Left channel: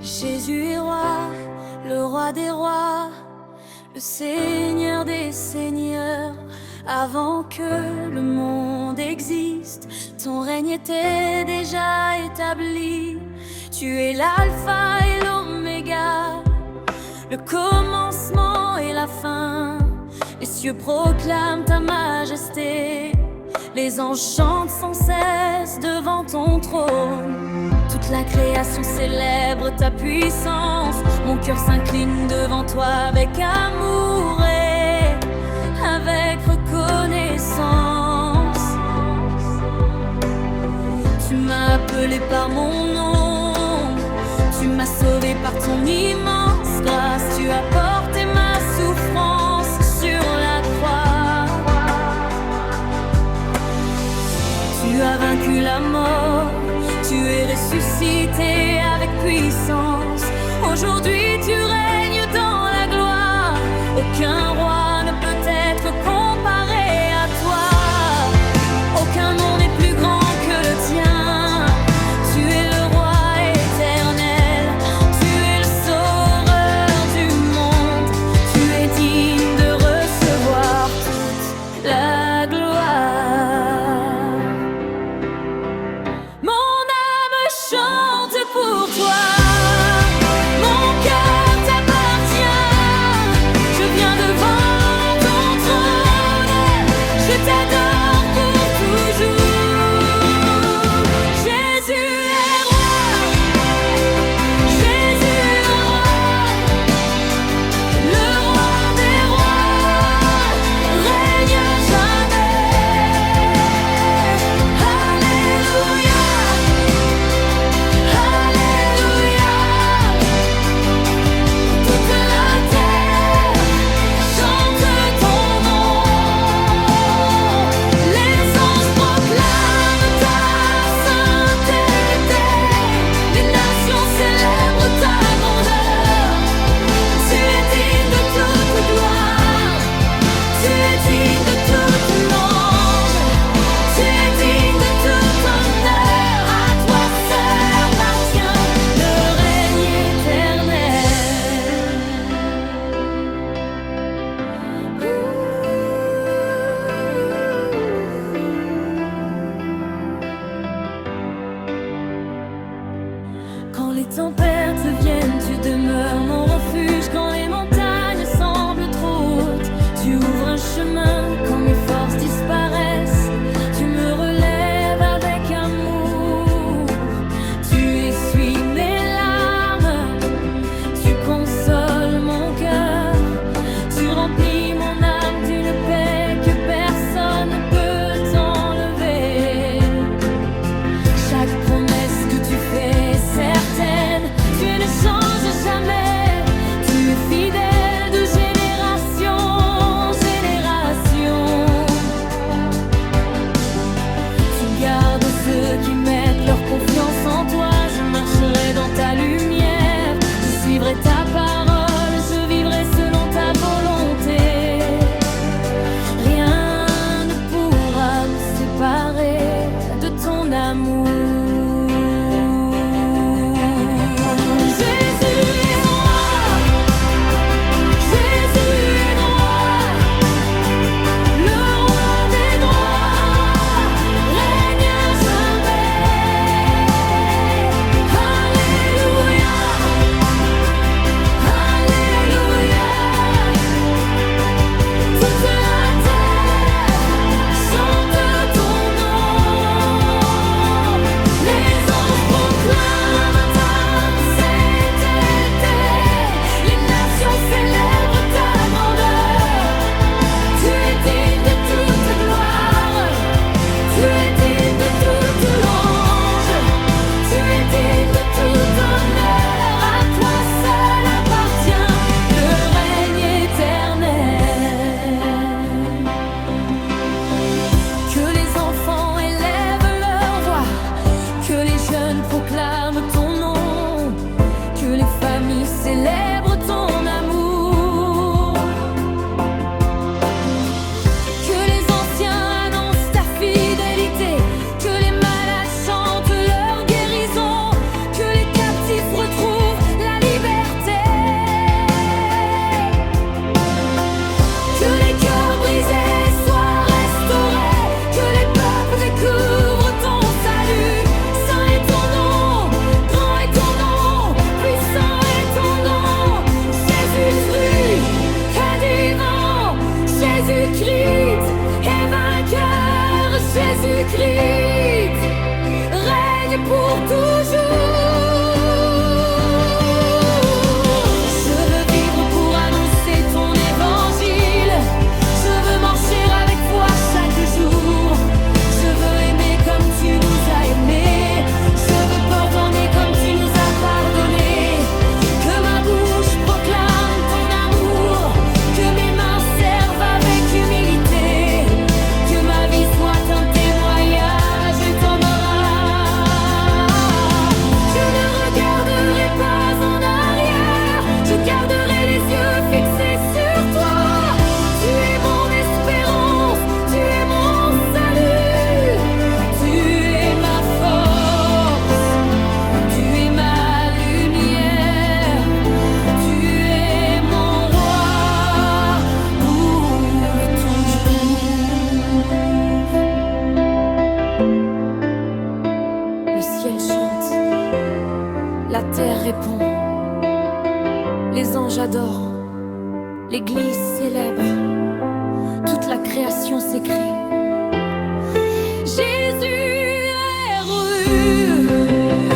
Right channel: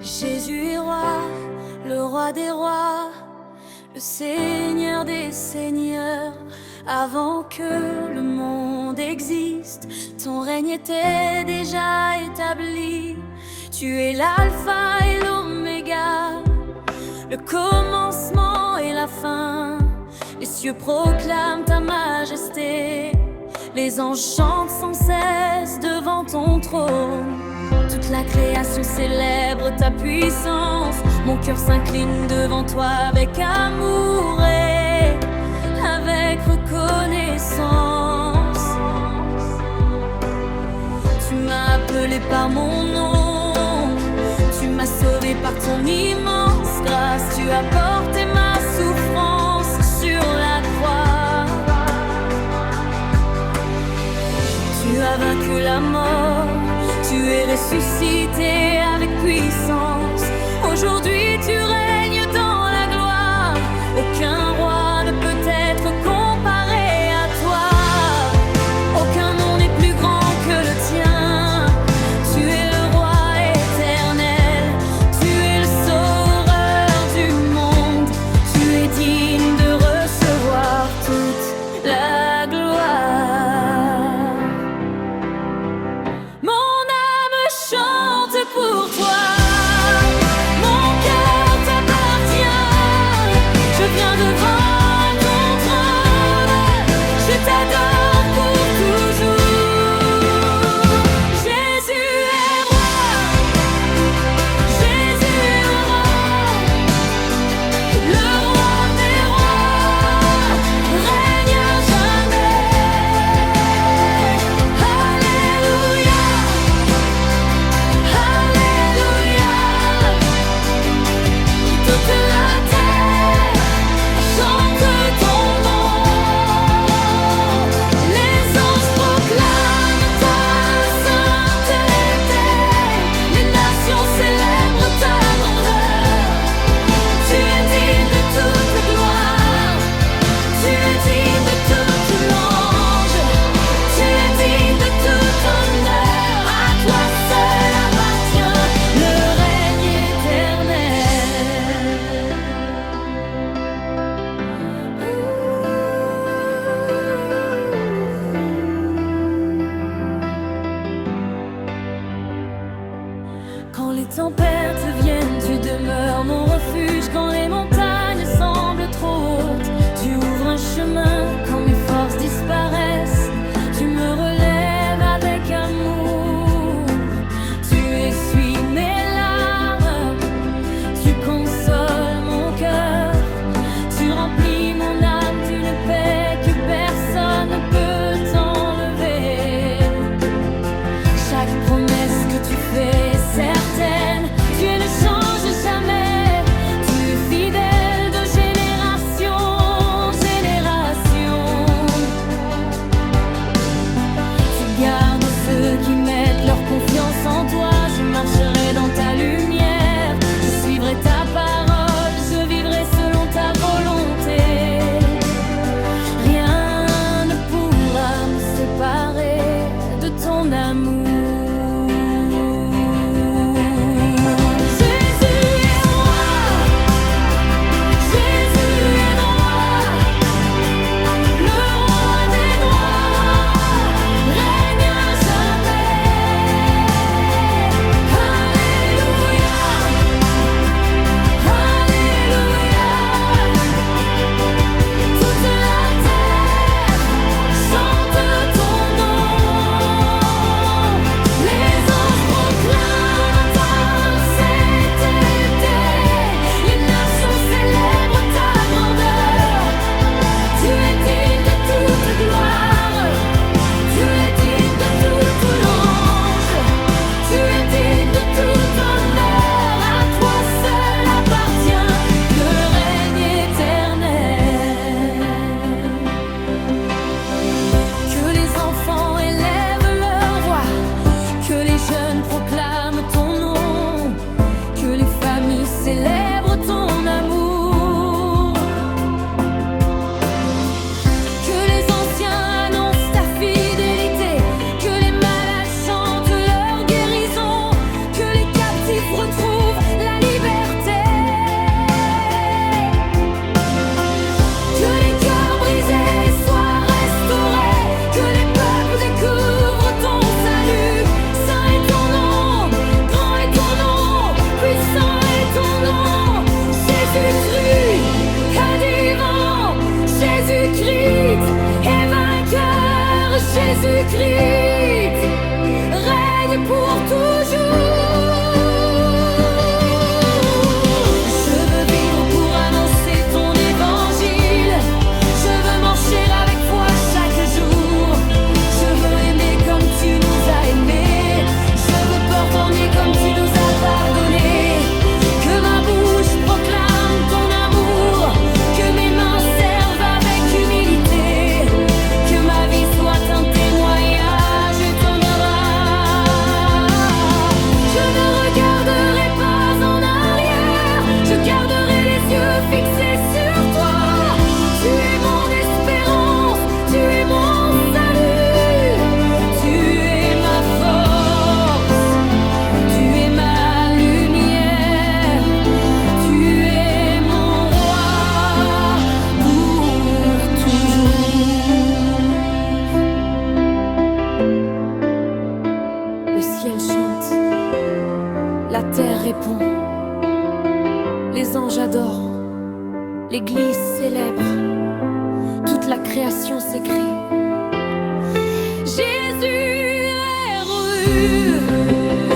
Jésus est roi, le roi des rois, le Seigneur des seigneurs. Avant que le monde existe, ton règne était déjà établi. Tu es l'alpha et l'oméga, le commencement et la fin. Les cieux proclament ta majesté, les anges chantent sans cesse devant ton trône. Toute la création célèbre ta puissance. Mon cœur s'incline devant toi avec amour et avec reconnaissance. Tu m'as appelé par mon nom, tu m'as sauvé par ton immense grâce. Tu as porté ma souffrance sur la croix. Tu as vaincu la mort, tu es ressuscité avec puissance. Aujourd'hui tu règnes dans la gloire. Aucun roi ne peut être comparé à toi. Aucun nom n'est plus grand que le tien. Tu es le roi éternel, tu es le sauveur du monde. Tu es digne de recevoir toute la gloire. Chante pour toi, mon cœur t'appartient. Je viens devant ton trône, je t'adore pour toujours. Jésus est roi, Jésus est roi, le roi des rois règne à jamais. Alléluia. Quand les tempêtes viennent, tu demeures mon refuge. Quand les montagnes semblent trop hautes, tu ouvres un chemin. Quand mes forces disparaissent, tu me relèves avec amour. Tu essuies mes larmes, tu consoles mon cœur. Tu remplis mon âme d'une paix que personne ne peut t'enlever. Chaque promesse que tu fais est certaine, tu ne changes jamais. Tu es fidèle de génération en génération. Tu gardes ceux qui mettent leur confiance en toi. Je marcherai dans ta lumière, je suivrai ta parole, je vivrai selon ta volonté. Rien ne pourra me séparer de ton amour. Proclame ton nom, que les familles célèbrent ton amour. fixé sur toi. Tu es mon espérance, tu es mon salut, tu es ma force, tu es ma lumière, tu es mon roi pour toujours. Le ciel chante, la terre répond, les anges adorent, l'Église célèbre, toute la création s'écrie. Jésus est rue,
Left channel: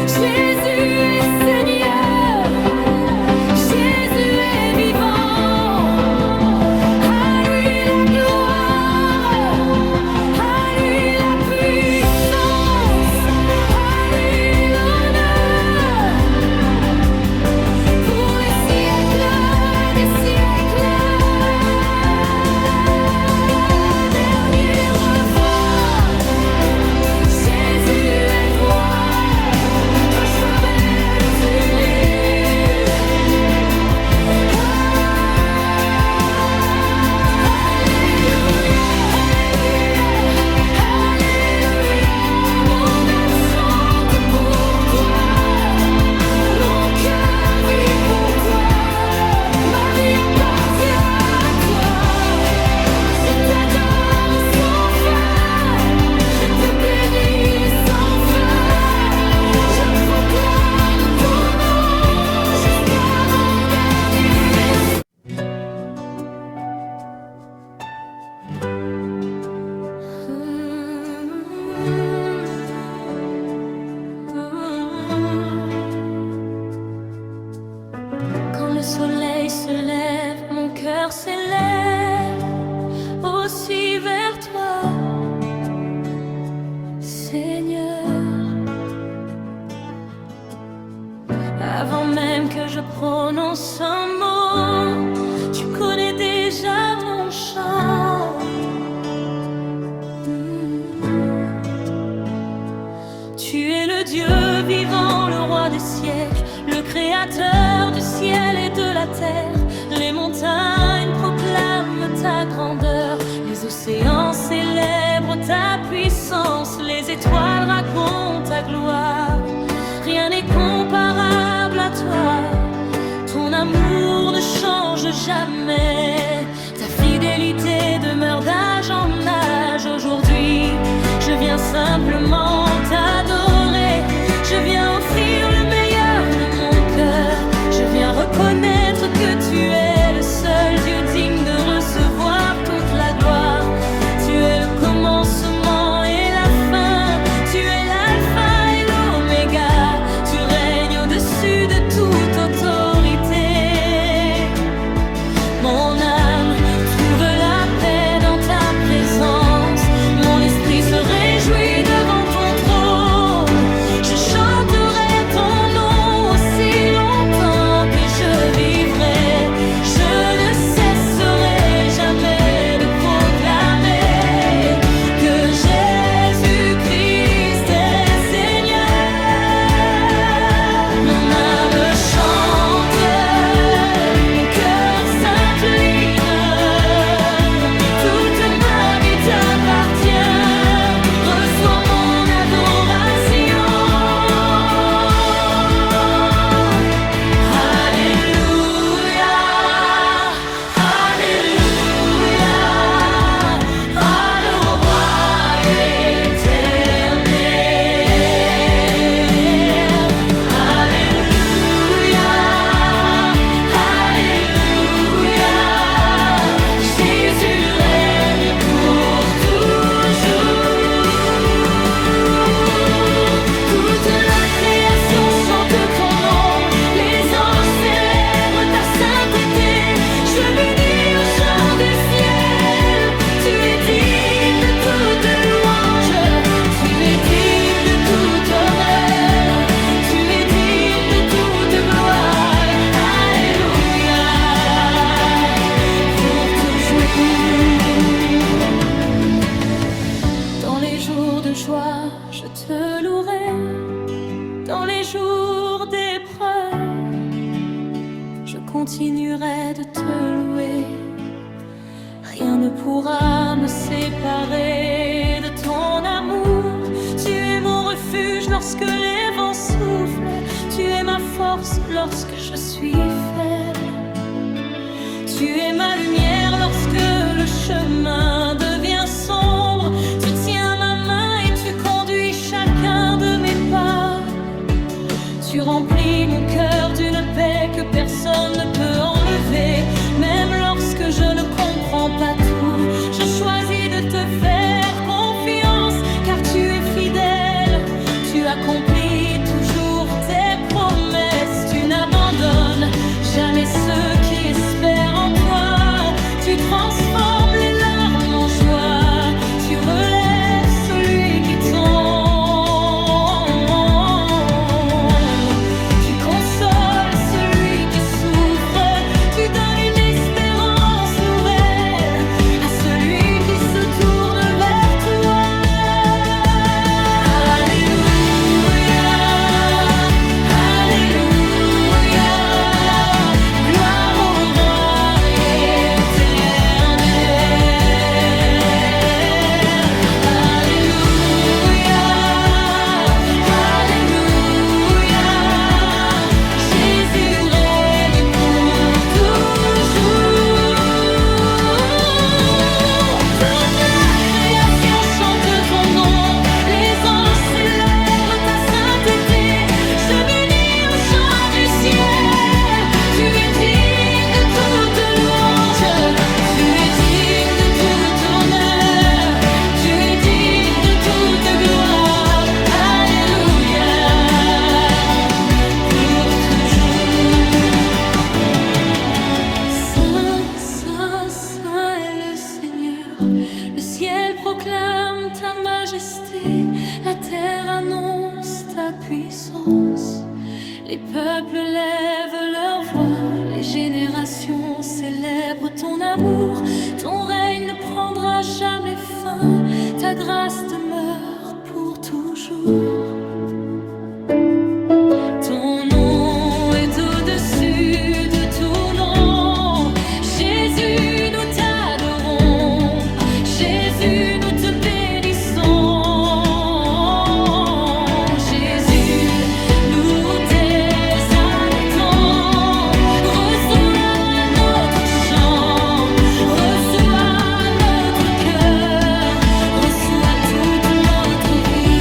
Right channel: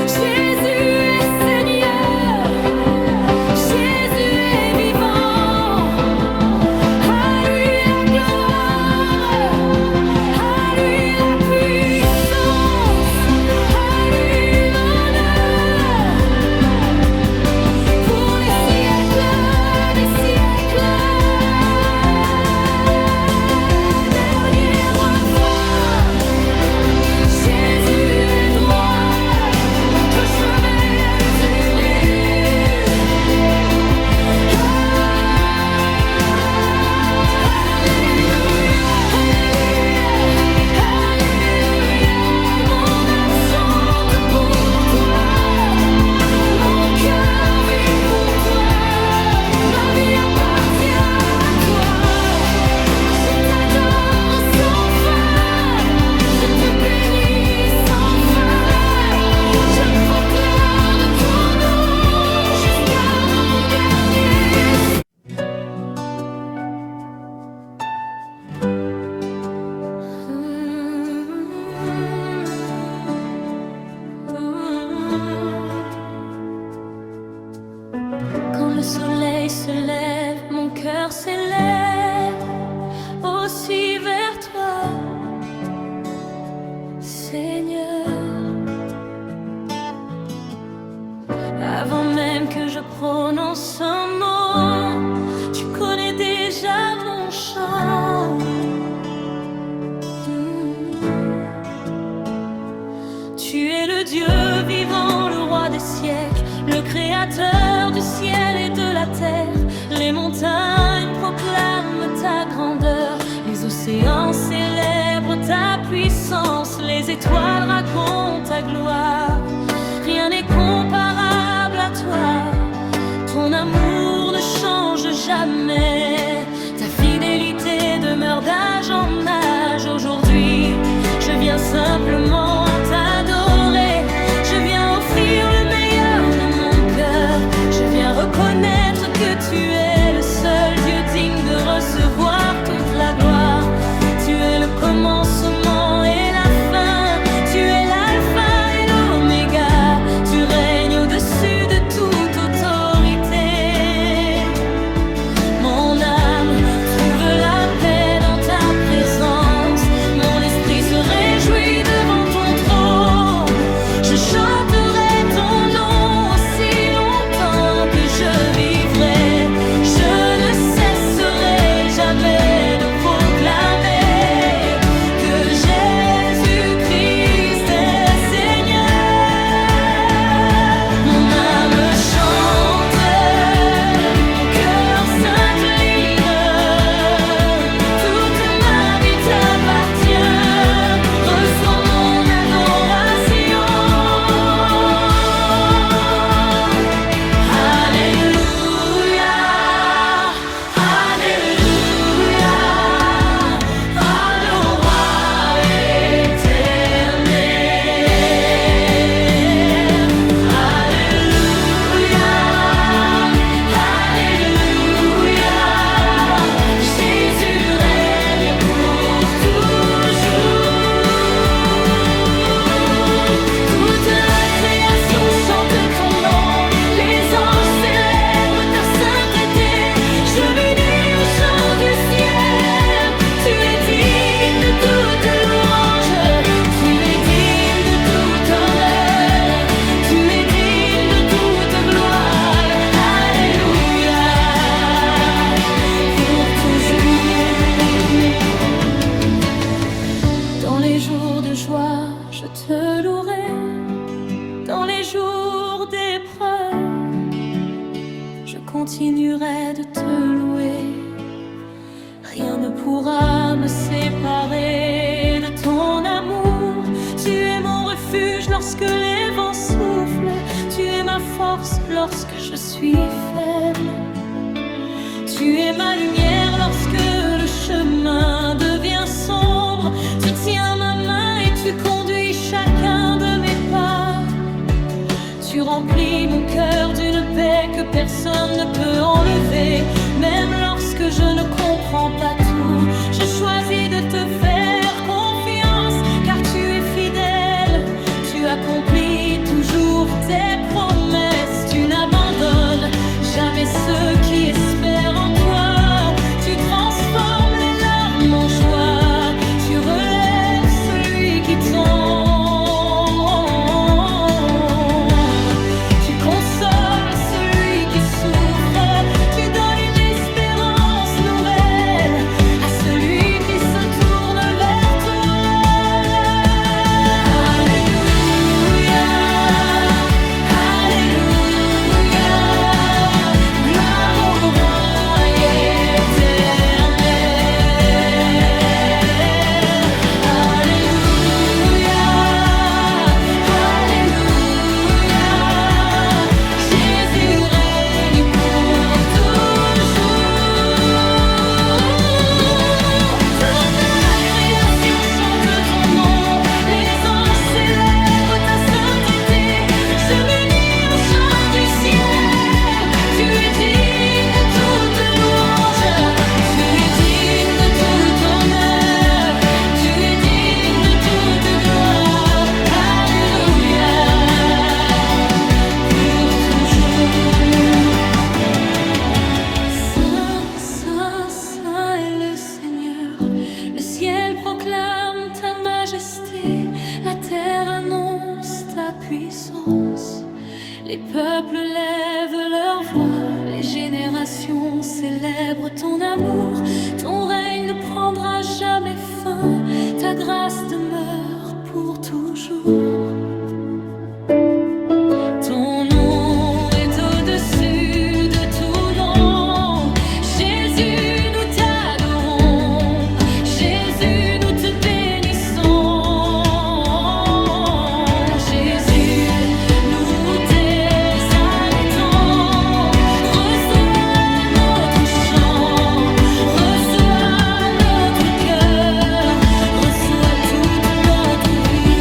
Jésus est Seigneur, Jésus est vivant. À lui la gloire, à lui la puissance, à lui l'honneur, pour les siècles des siècles. Dernier refrain, Jésus est roi, je chemin du fini. Alléluia, Alléluia, Alléluia. Mon âme chante pour toi, mon cœur vit pour toi, ma vie appartient à toi. Je t'adore sans fin, je te bénis sans fin, je proclame ton nom jusqu'à mon dernier Quand le soleil se lève, mon cœur s'élève aussi vers toi, Seigneur. Avant même que je prononce un mot, tu connais déjà mon chant. Tu es le Dieu vivant, le roi des siècles, le créateur du ciel et de la terre. Les montagnes proclament ta grandeur, les océans célèbrent ta puissance, les étoiles racontent ta gloire. Rien n'est comparable à toi, ton amour ne change jamais, ta fidélité demeure d'âge en âge. Aujourd'hui, je viens simplement t'adorer, je viens offrir le meilleur de mon cœur, je viens reconnaître que tu es le seul Dieu digne de recevoir toute la gloire. Tu es le commencement et la fin, tu es l'alpha et l'oméga, tu règnes au-dessus de toute autorité. Mon âme trouve la paix dans ta présence, mon esprit se réjouit devant ton trône. Je chanterai ton nom aussi longtemps que je vivrai, je ne cesserai jamais de proclamer que Jésus-Christ est Seigneur. Mon âme chante, mon cœur s'incline, toute ma vie t'appartient. Reçois mon adoration. Alléluia, Alléluia, à le roi éternel. Alléluia, Alléluia, Jésus règne pour toujours. Toute la création chante ton nom, les anges célèbrent ta sainteté. Je m'unis au chant du ciel, tu es digne de toute louange, tu es digne de tout honneur, tu es digne de toute gloire. Alléluia, pour toujours. Dans les jours de joie, je te louerai. Dans les jours d'épreuve, je je continuerai de te louer. Rien ne pourra me séparer de ton amour. Tu es mon refuge lorsque les vents soufflent. Tu es ma force lorsque je suis faible. Tu es ma lumière lorsque le chemin devient sombre. Tu tiens ma main et tu conduis chacun de mes pas. Tu remplis mon cœur d'une paix que personne ne peut enlever. Même lorsque je ne comprends pas tout, je choisis de te faire confiance, car tu es fidèle. Tu accomplis toujours tes promesses. Tu n'abandonnes jamais ceux qui espèrent en toi. Tu transformes les larmes en joie. Tu relèves celui qui tombe. Tu consoles celui qui souffre. Tu donnes une espérance nouvelle à celui qui se tourne vers toi. Alléluia, Alléluia, gloire au roi éternel. Alléluia, Alléluia, Jésus règne pour toujours. Toute la création chante ton nom, les anges célèbrent ta sainteté. Je m'unis au chant du ciel. Tu es digne de toute louange, tu es digne de tout honneur, tu es digne de toute gloire. Alléluia, pour toujours. Saint, Saint, Saint est le Seigneur. Le ciel proclame ta majesté, la terre annonce ta puissance. Les peuples lèvent leur voix, les générations célèbrent ton amour. Ton règne ne prendra jamais fin, ta grâce demeure pour toujours. Ton nom est au-dessus de tout nom. Jésus, nous t'adorons. Jésus, nous te bénissons. Jésus, nous t'exaltons. Reçois notre chant, reçois notre cœur, reçois toute notre vie.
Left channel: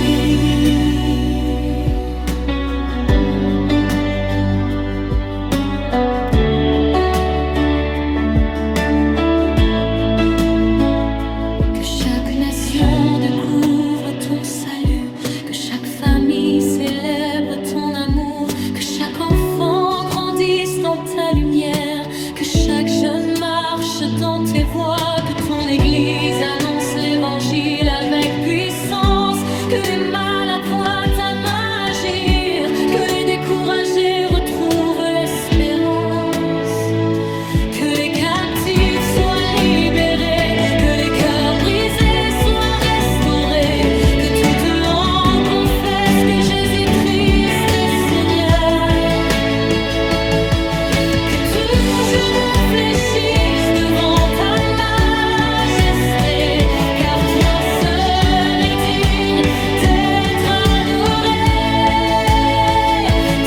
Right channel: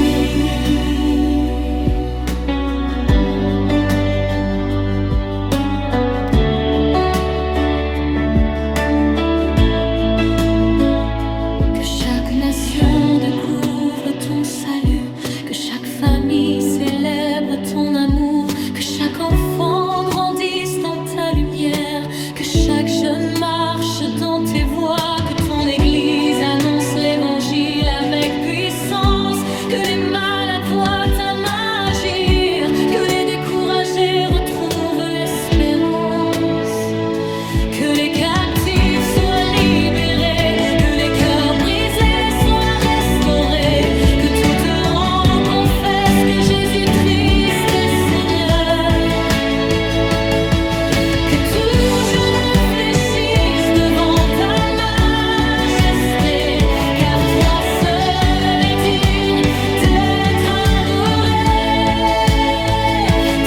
Que chaque nation découvre ton salut, que chaque famille célèbre ton amour, que chaque enfant grandisse dans ta lumière, que chaque jeune marche dans tes voies, que ton église annonce l'évangile avec puissance, que les malades voient ta main agir, que les découragés retrouvent l'espérance. Que les captifs soient libérés, que les cœurs brisés soient restaurés, que toute langue confesse que Jésus-Christ est Seigneur. Que tout genou fléchisse devant ta majesté, car toi seul es digne d'être adoré.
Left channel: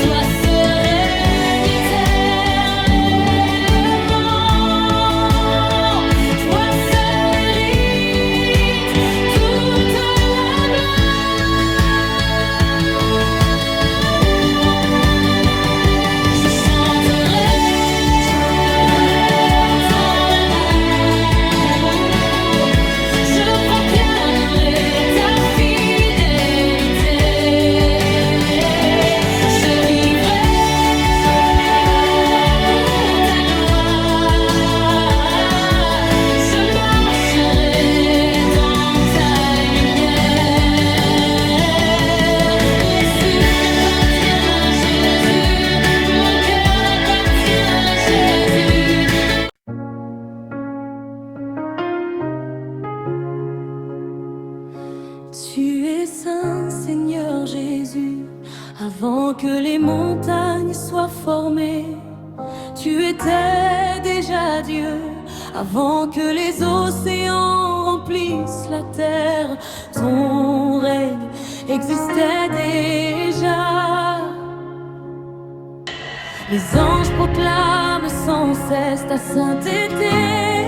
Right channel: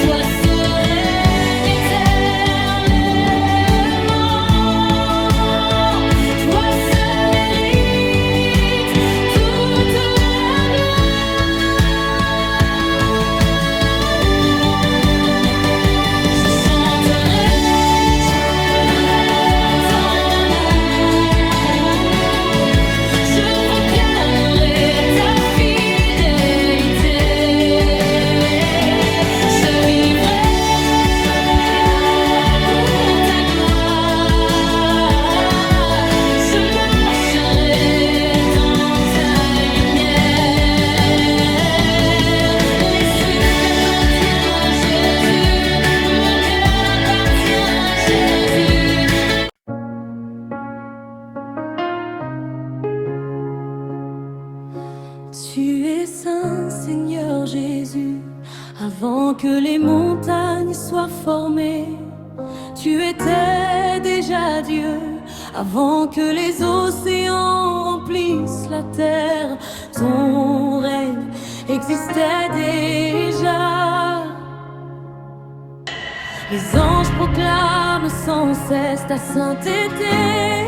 Toi seul règne éternellement. Toi seul mérite toute la gloire. Je chanterai ton amour, je proclamerai ta fidélité. Je vivrai pour ta gloire, je marcherai dans ta lumière. Les souffles appartiennent à Jésus, mon cœur appartient à Jésus. Tu es saint, Seigneur Jésus, avant que les montagnes soient formées. Tu étais déjà Dieu avant que les océans remplissent la terre. Ton règne existait déjà. Les anges proclament sans cesse ta sainteté.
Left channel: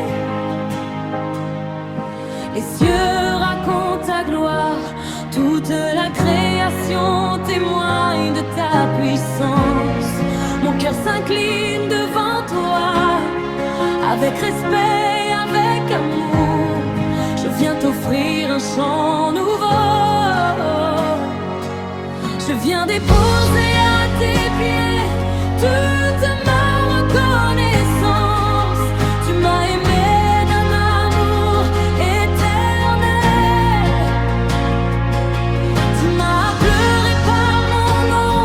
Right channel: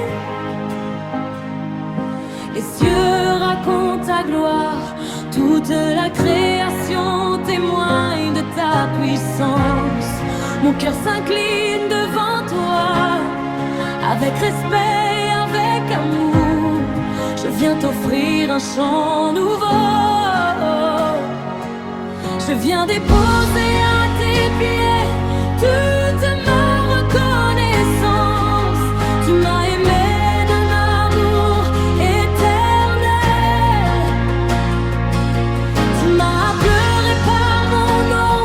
Les cieux racontent ta gloire. Toute la création témoigne de ta puissance. Mon cœur s'incline devant toi. Avec respect, avec amour, je viens t'offrir un chant nouveau. Je viens déposer à tes pieds toute ma reconnaissance. Tu m'as aimé d'un amour éternel. Tu m'as pleuré par mon nom.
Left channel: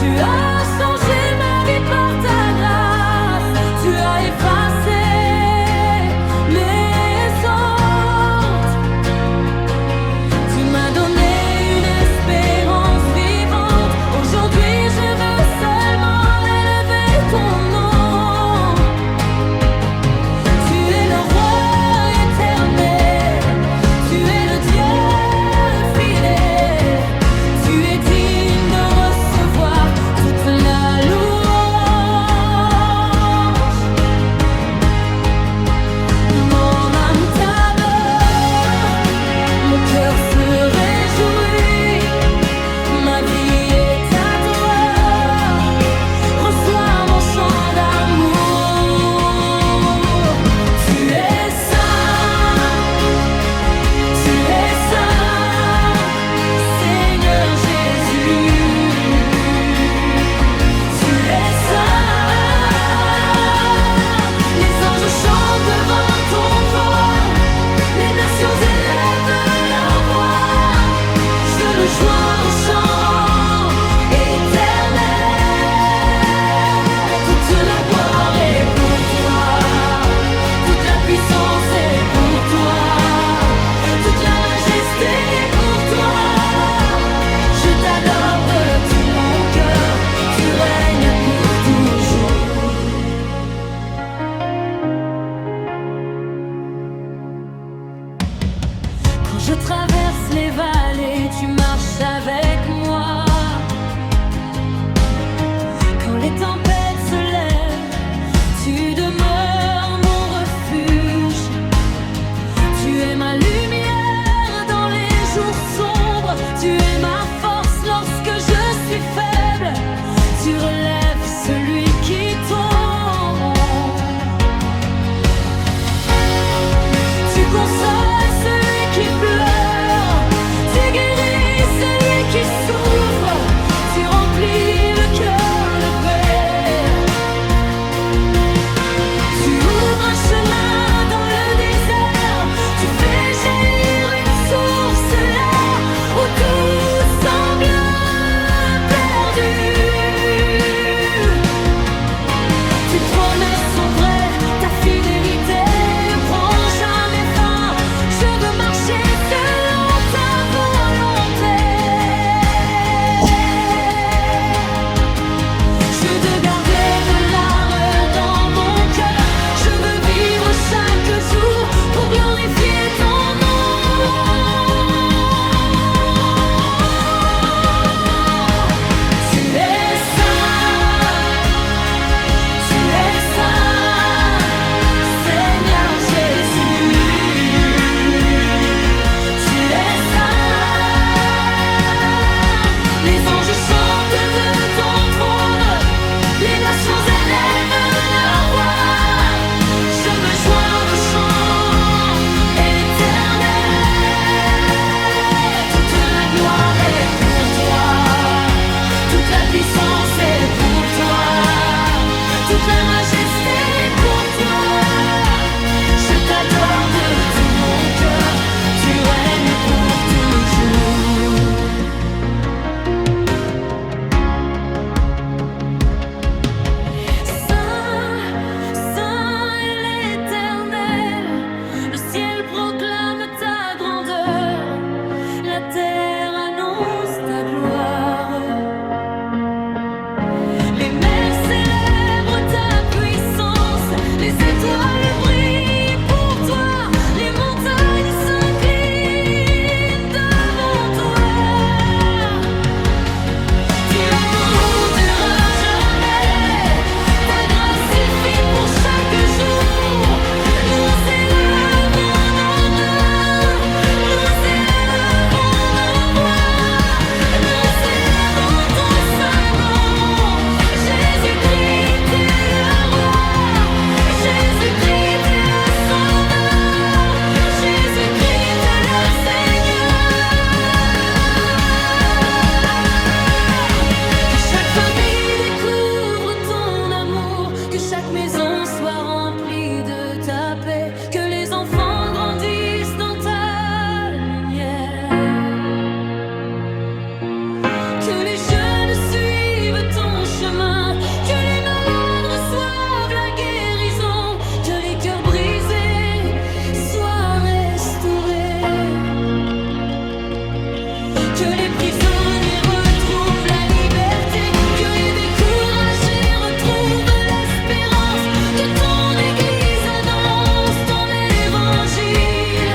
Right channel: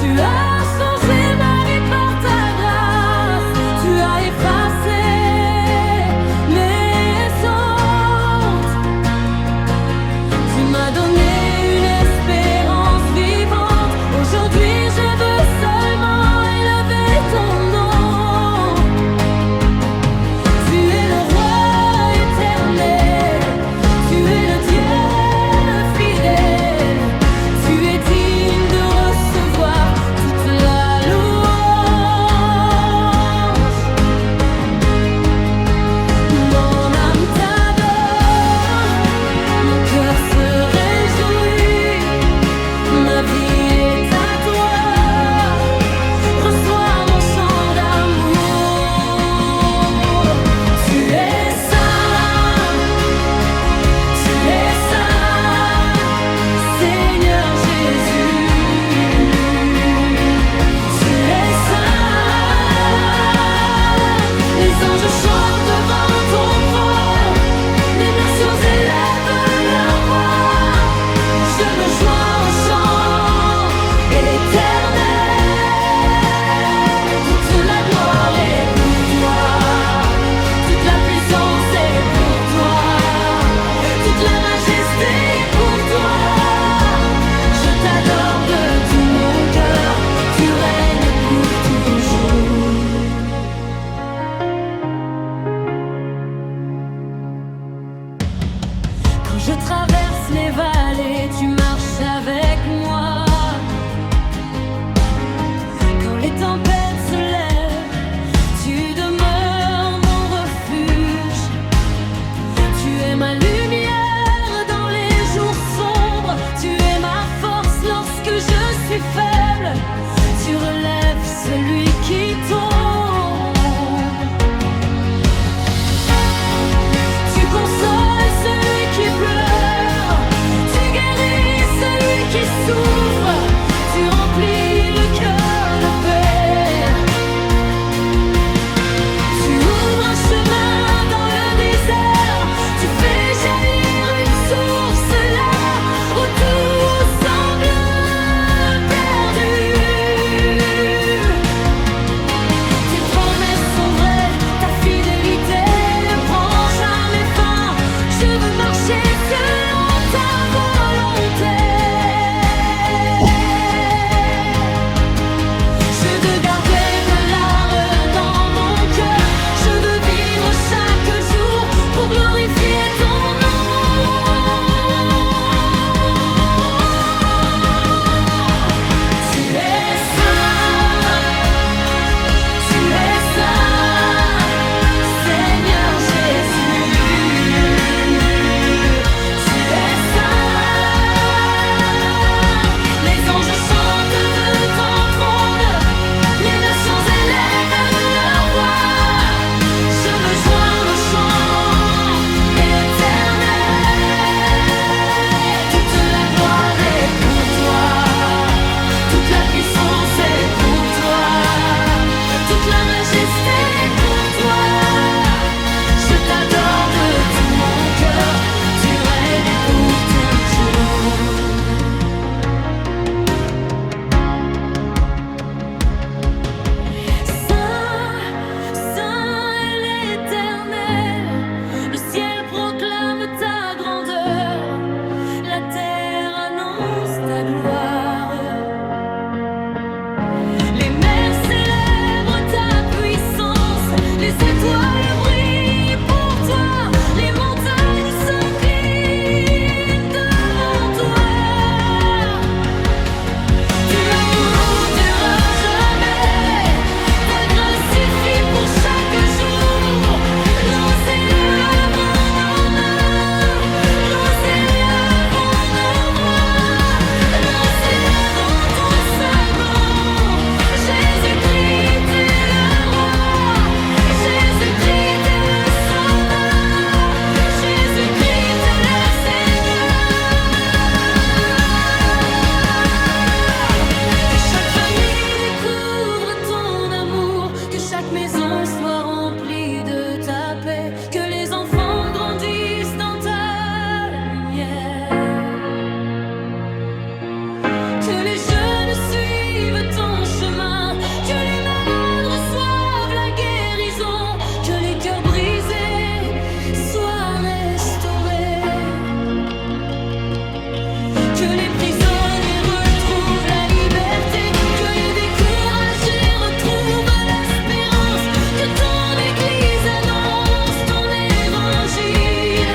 Tu as changé ma vie par ta grâce. Tu as effacé mes sortes. Tu m'as donné une espérance vivante. Aujourd'hui je veux seulement élever ton nom. Tu es le roi éternel. Tu es le Dieu fidèle. Tu es digne de recevoir toute la louange. Mon âme t'adore. Mon cœur se réjouit. Ma vie est à toi. Reçois mon chant d'amour. Tu es saint, Seigneur Jésus. Tu es saint. Les anges chantent devant ton trône. Les nations élèvent leur voix. Je me joins au chant éternel. Toute la gloire est pour toi. Toute la puissance est pour toi. Toute la majesté est pour toi. Je t'adore de tout mon cœur. Tu règnes pour toujours. Quand je traverse les vallées, tu marches avec moi. Quand les tempêtes se lèvent, tu demeures mon refuge. Tu es ma lumière dans les jours sombres. Tu es ma force lorsque je suis faible. Tu relèves celui qui tombe. Tu consoles celui qui pleure. Tu guéris celui qui souffre. Tu remplis le cœur de paix. Tu ouvres un chemin dans le désert. Tu fais jaillir une source là où tout semble perdu. Tes promesses sont vraies, ta fidélité ne prend jamais fin. Je veux marcher selon ta volonté. Je te garderai de l'art dans mon cœur. Je veux vivre chaque jour pour glorifier ton nom. Tu es saint, Seigneur Jésus. Tu es saint. Les anges chantent de ton trône. Les nations élèvent leur voix. Je me joins au chant éternel. Toute la gloire est pour toi. Toute la puissance est pour toi. Toute la majesté est pour toi. Je t'adore de tout mon cœur. Tu règnes pour toujours. Saint, saint est l'Éternel. Le ciel proclame ta grandeur. La terre annonce ta gloire. Les mers célèbrent ta puissance. ta paix, que les enfants grandissent dans ta lumière, que les jeunes suivent ton chemin, que les malades reçoivent la guérison, que les cœurs brisés soient restaurés, que les prisonniers retrouvent la liberté, que les découragés retrouvent l'espérance, que ton Église annonce ton évangile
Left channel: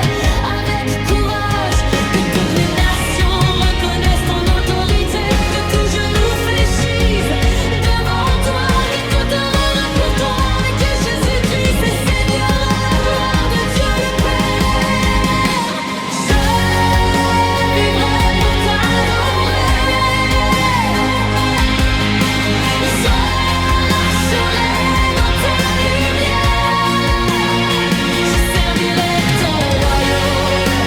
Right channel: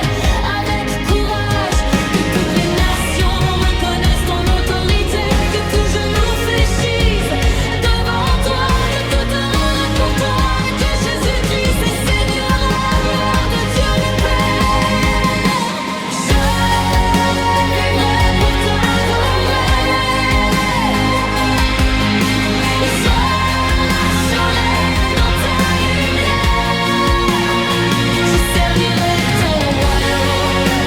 avec courage, que toutes les nations reconnaissent ton autorité, que tout genou fléchisse devant toi, que tout erreur est pour toi, mais que Jésus-Christ est Seigneur à la gloire de Dieu le Père. Je vivrai pour t'adorer, je marcherai dans ta lumière, je servirai ton royaume,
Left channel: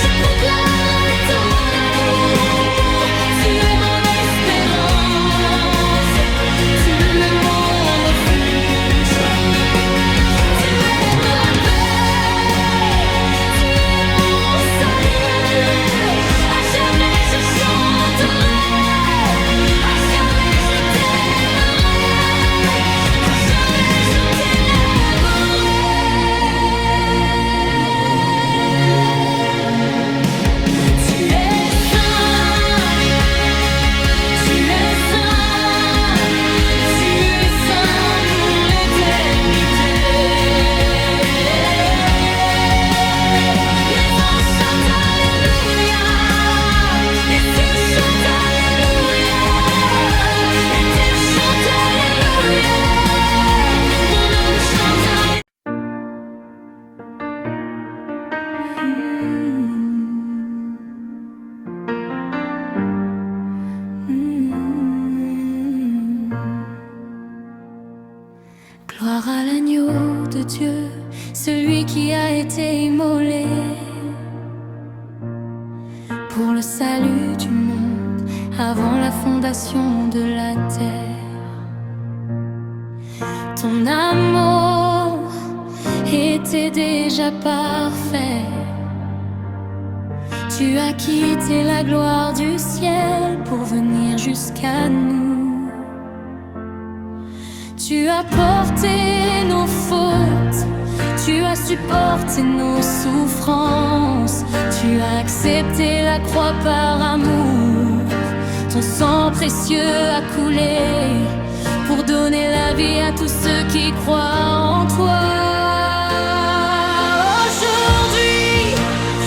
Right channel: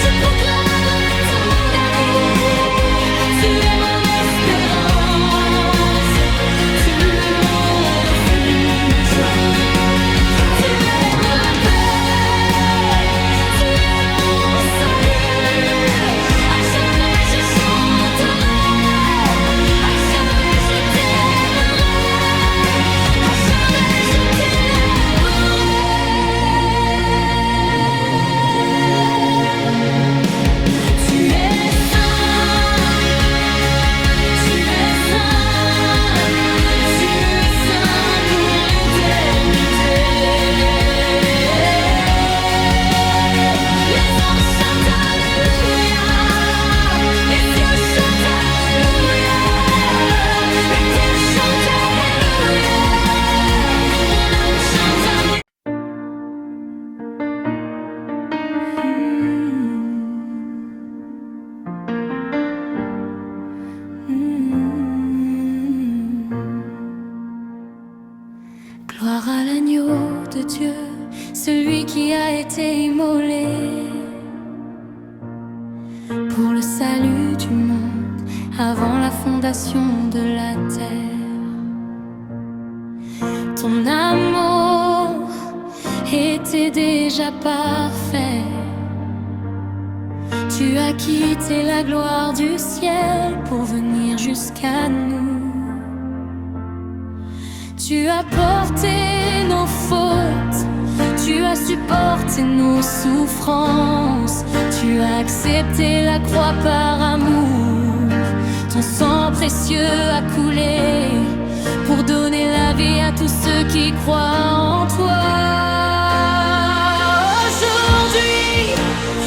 je proclamerai ton amour. Tu es mon espérance, tu es mon refuge, tu es ma paix, tu es mon salut. À jamais je chanterai, à jamais je t'aimerai, à jamais je t'élèverai. Tu es saint, tu es saint, tu es saint pour l'éternité. Les anges chantent Alléluia, les cieux chantent Alléluia, la terre chante Alléluia, mon âme chante Gloire à l'agneau de Dieu, celui qui a été immolé pour le salut du monde avant la fondation de la terre. Ton amour était déjà parfait. Tu as quitté la gloire du ciel pour venir jusqu'à nous. Tu as porté nos fautes, tu as supporté nos souffrances, tu as accepté la croix par amour. Ton sang précieux a coulé pour donner la vie à tous ceux qui croient en toi. Aujourd'hui,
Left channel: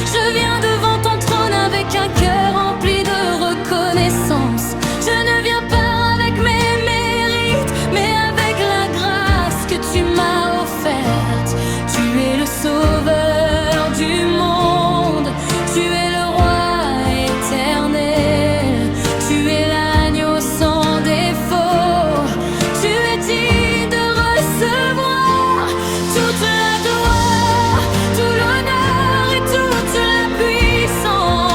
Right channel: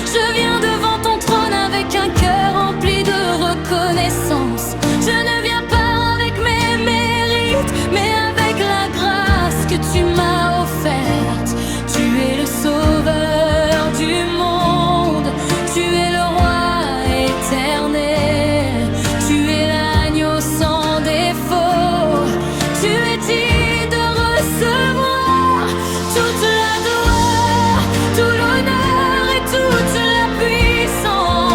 je viens devant ton trône avec un cœur rempli de reconnaissance. Je ne viens pas avec mes mérites, mais avec la grâce que tu m'as offerte. Tu es le sauveur du monde, tu es le roi éternel, tu es l'agneau sans défaut, tu es digne de recevoir toute la gloire, tout l'honneur et toute la puissance.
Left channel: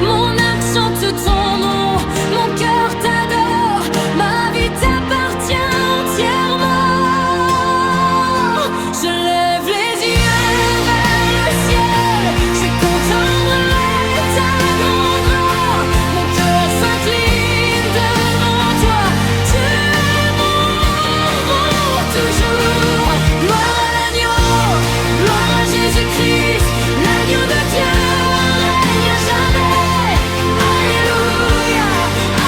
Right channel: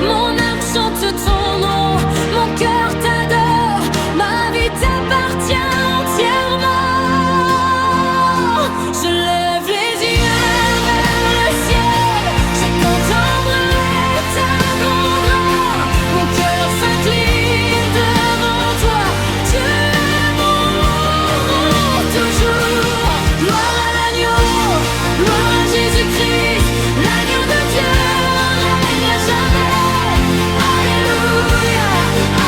Mon âme chante ton nom, mon cœur t'adore, ma vie t'appartient entièrement. Je lève les yeux vers le ciel, je contemplerai ta grandeur. Mon cœur s'incline devant toi, tu es mon toujours. Gloire à l'agneau, gloire à Jésus-Christ, l'agneau de Dieu règne à jamais. Alléluia,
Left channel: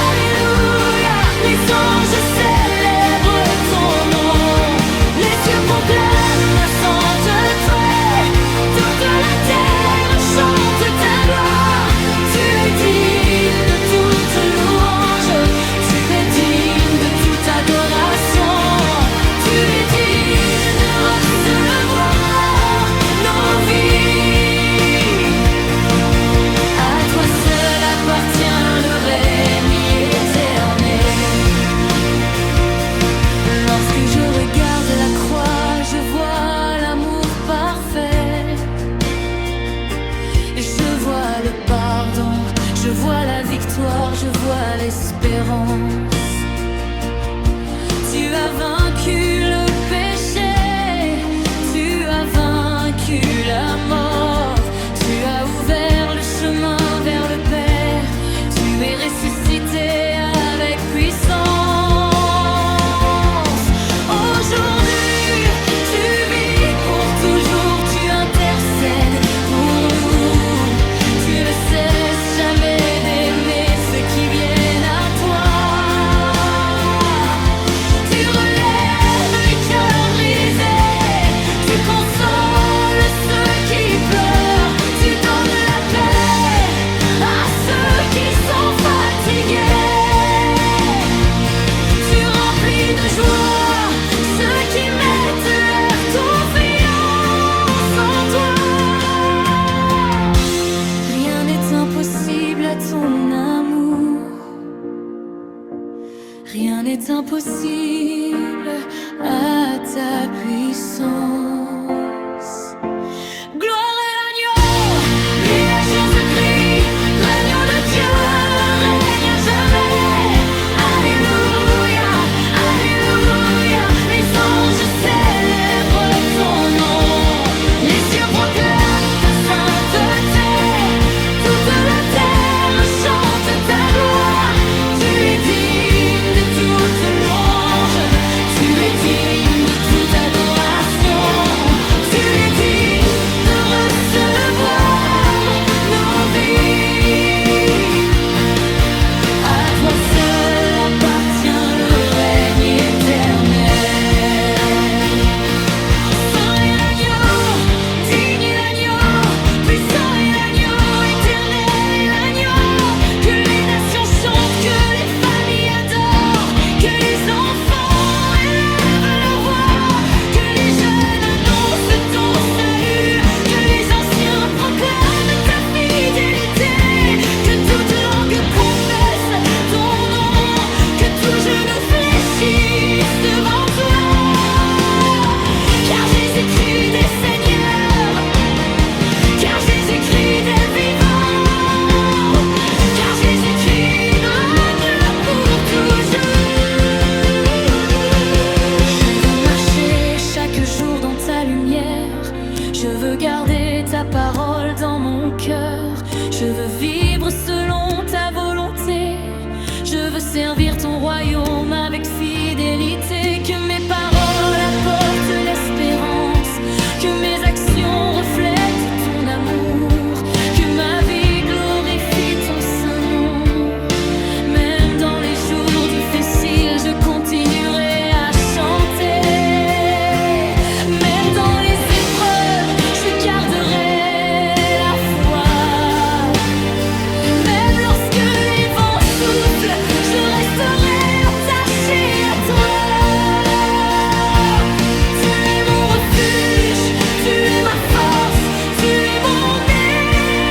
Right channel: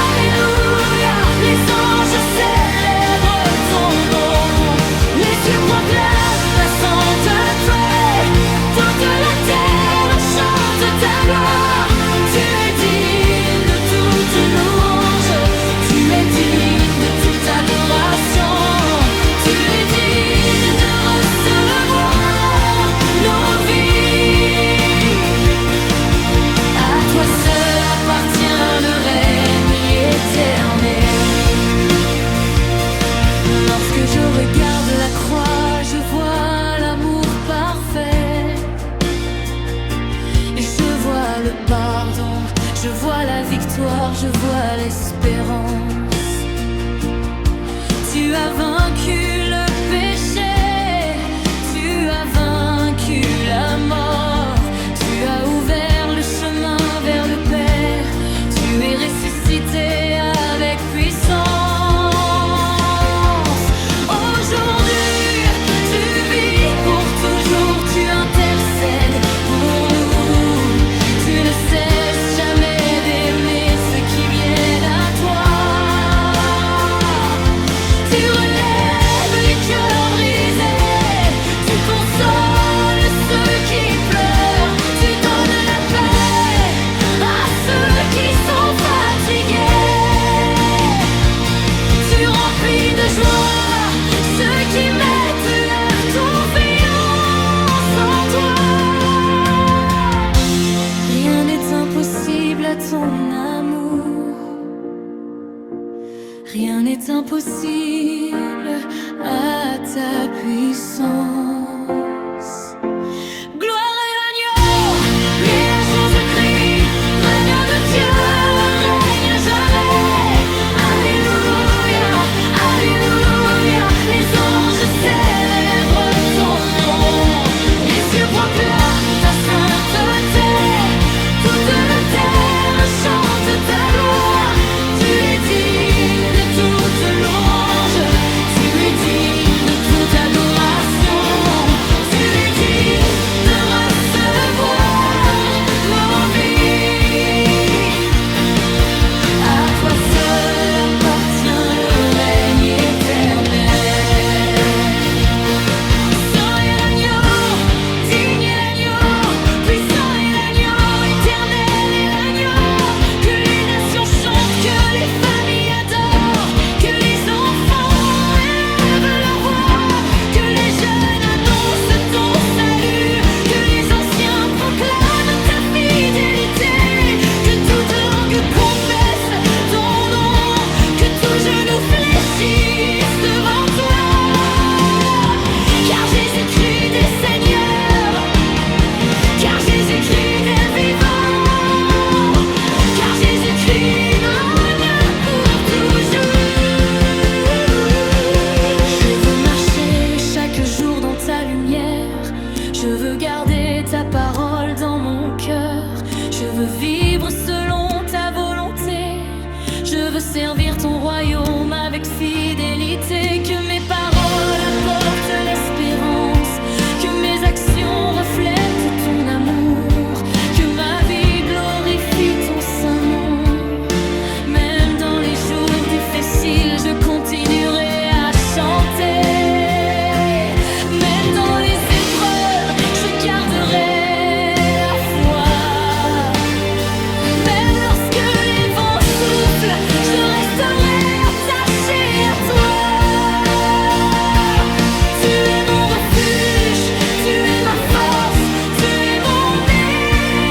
alléluia, les anges célèbrent ton nom, les cieux proclament la sainteté, toute la terre chante ta gloire. Tu es digne de toute louange, tu es digne de toute adoration, tu es digne de recevoir nos vies. À toi seul appartient le règne éternel. Lorsque je regarde la croix, je vois l'amour parfait. Je vois le pardon, je vois la victoire, je vois l'espérance. Tu as vaincu le péché, vaincu la mort. Tu as ouvert le chemin vers le Père. Tu es ressuscité avec puissance. Aujourd'hui, tu vis pour toujours. Tu intercèdes pour nous. Tu ne cesses jamais d'aimer ceux qui viennent à toi. Impossible à ton amour, rien n'est impossible à ta puissance. Gloire à l'agneau, lui la Jésus-Christ, l'agneau de Dieu règne à jamais. Alléluia, alléluia, les anges célèbrent ton nom, les cieux proclament ta sainteté. Toute la terre chante ta gloire. Tu es digne de toute louange. Tu es digne de toute adoration. Tu es digne de recevoir nos vies. À toi seul appartient le règne éternel. Saint est l'agneau, digne est l'agneau, puissant est l'agneau, éternel est l'agneau. Que les nations chantent, que les familles adorent, que les enfants élèvent leur voix, que les jeunes annoncent ton salut, que les anciens proclament ta fidélité, que toute langue confesse ton nom, que tout genou fléchisse devant toi. Car Jésus-Christ est Seigneur, car Jésus-Christ est vivant, car Jésus-Christ règne pour toujours. Je veux marcher chaque jour dans ta lumière. Je veux garder ta parole dans mon cœur. Je veux vivre selon ta volonté. Je veux servir ton royaume avec fidélité. Que mes paroles apportent l'espérance, que mes actions reflètent ton amour, que ma vie glorifie ton saint nom. Même dans les jours difficiles, je continuerai à chanter. Même dans les épreuves, je garderai la foi. Même lorsque les vents soufflent, je resterai attaché à toi. Tu es mon refuge, tu es ma force, tu es mon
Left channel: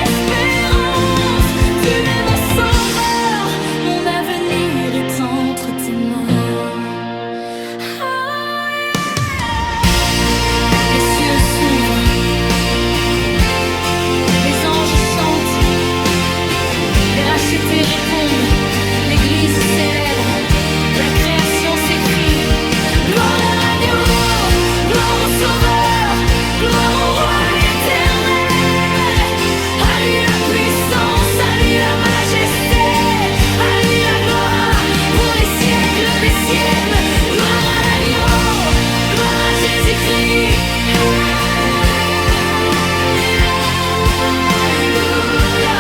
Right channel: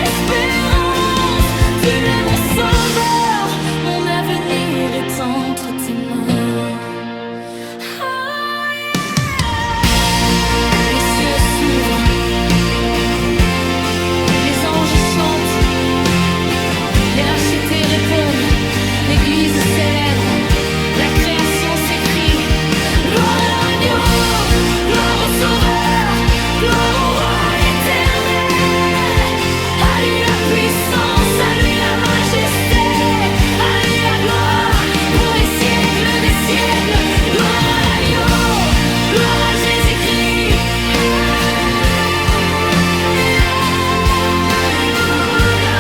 espérance. Tu es mon sauveur, mon avenir est entre tes mains. Oh, yeah. Les cieux s'ouvrent, les anges chantent, les rachetés répondent, l'église célèbre, la création s'écrie. Gloire à l'agneau, gloire au sauveur, gloire au roi éternel. À lui la puissance, à lui la majesté, à lui la gloire pour les siècles des siècles. Gloire à l'agneau, gloire à Jésus-Christ. Alléluia,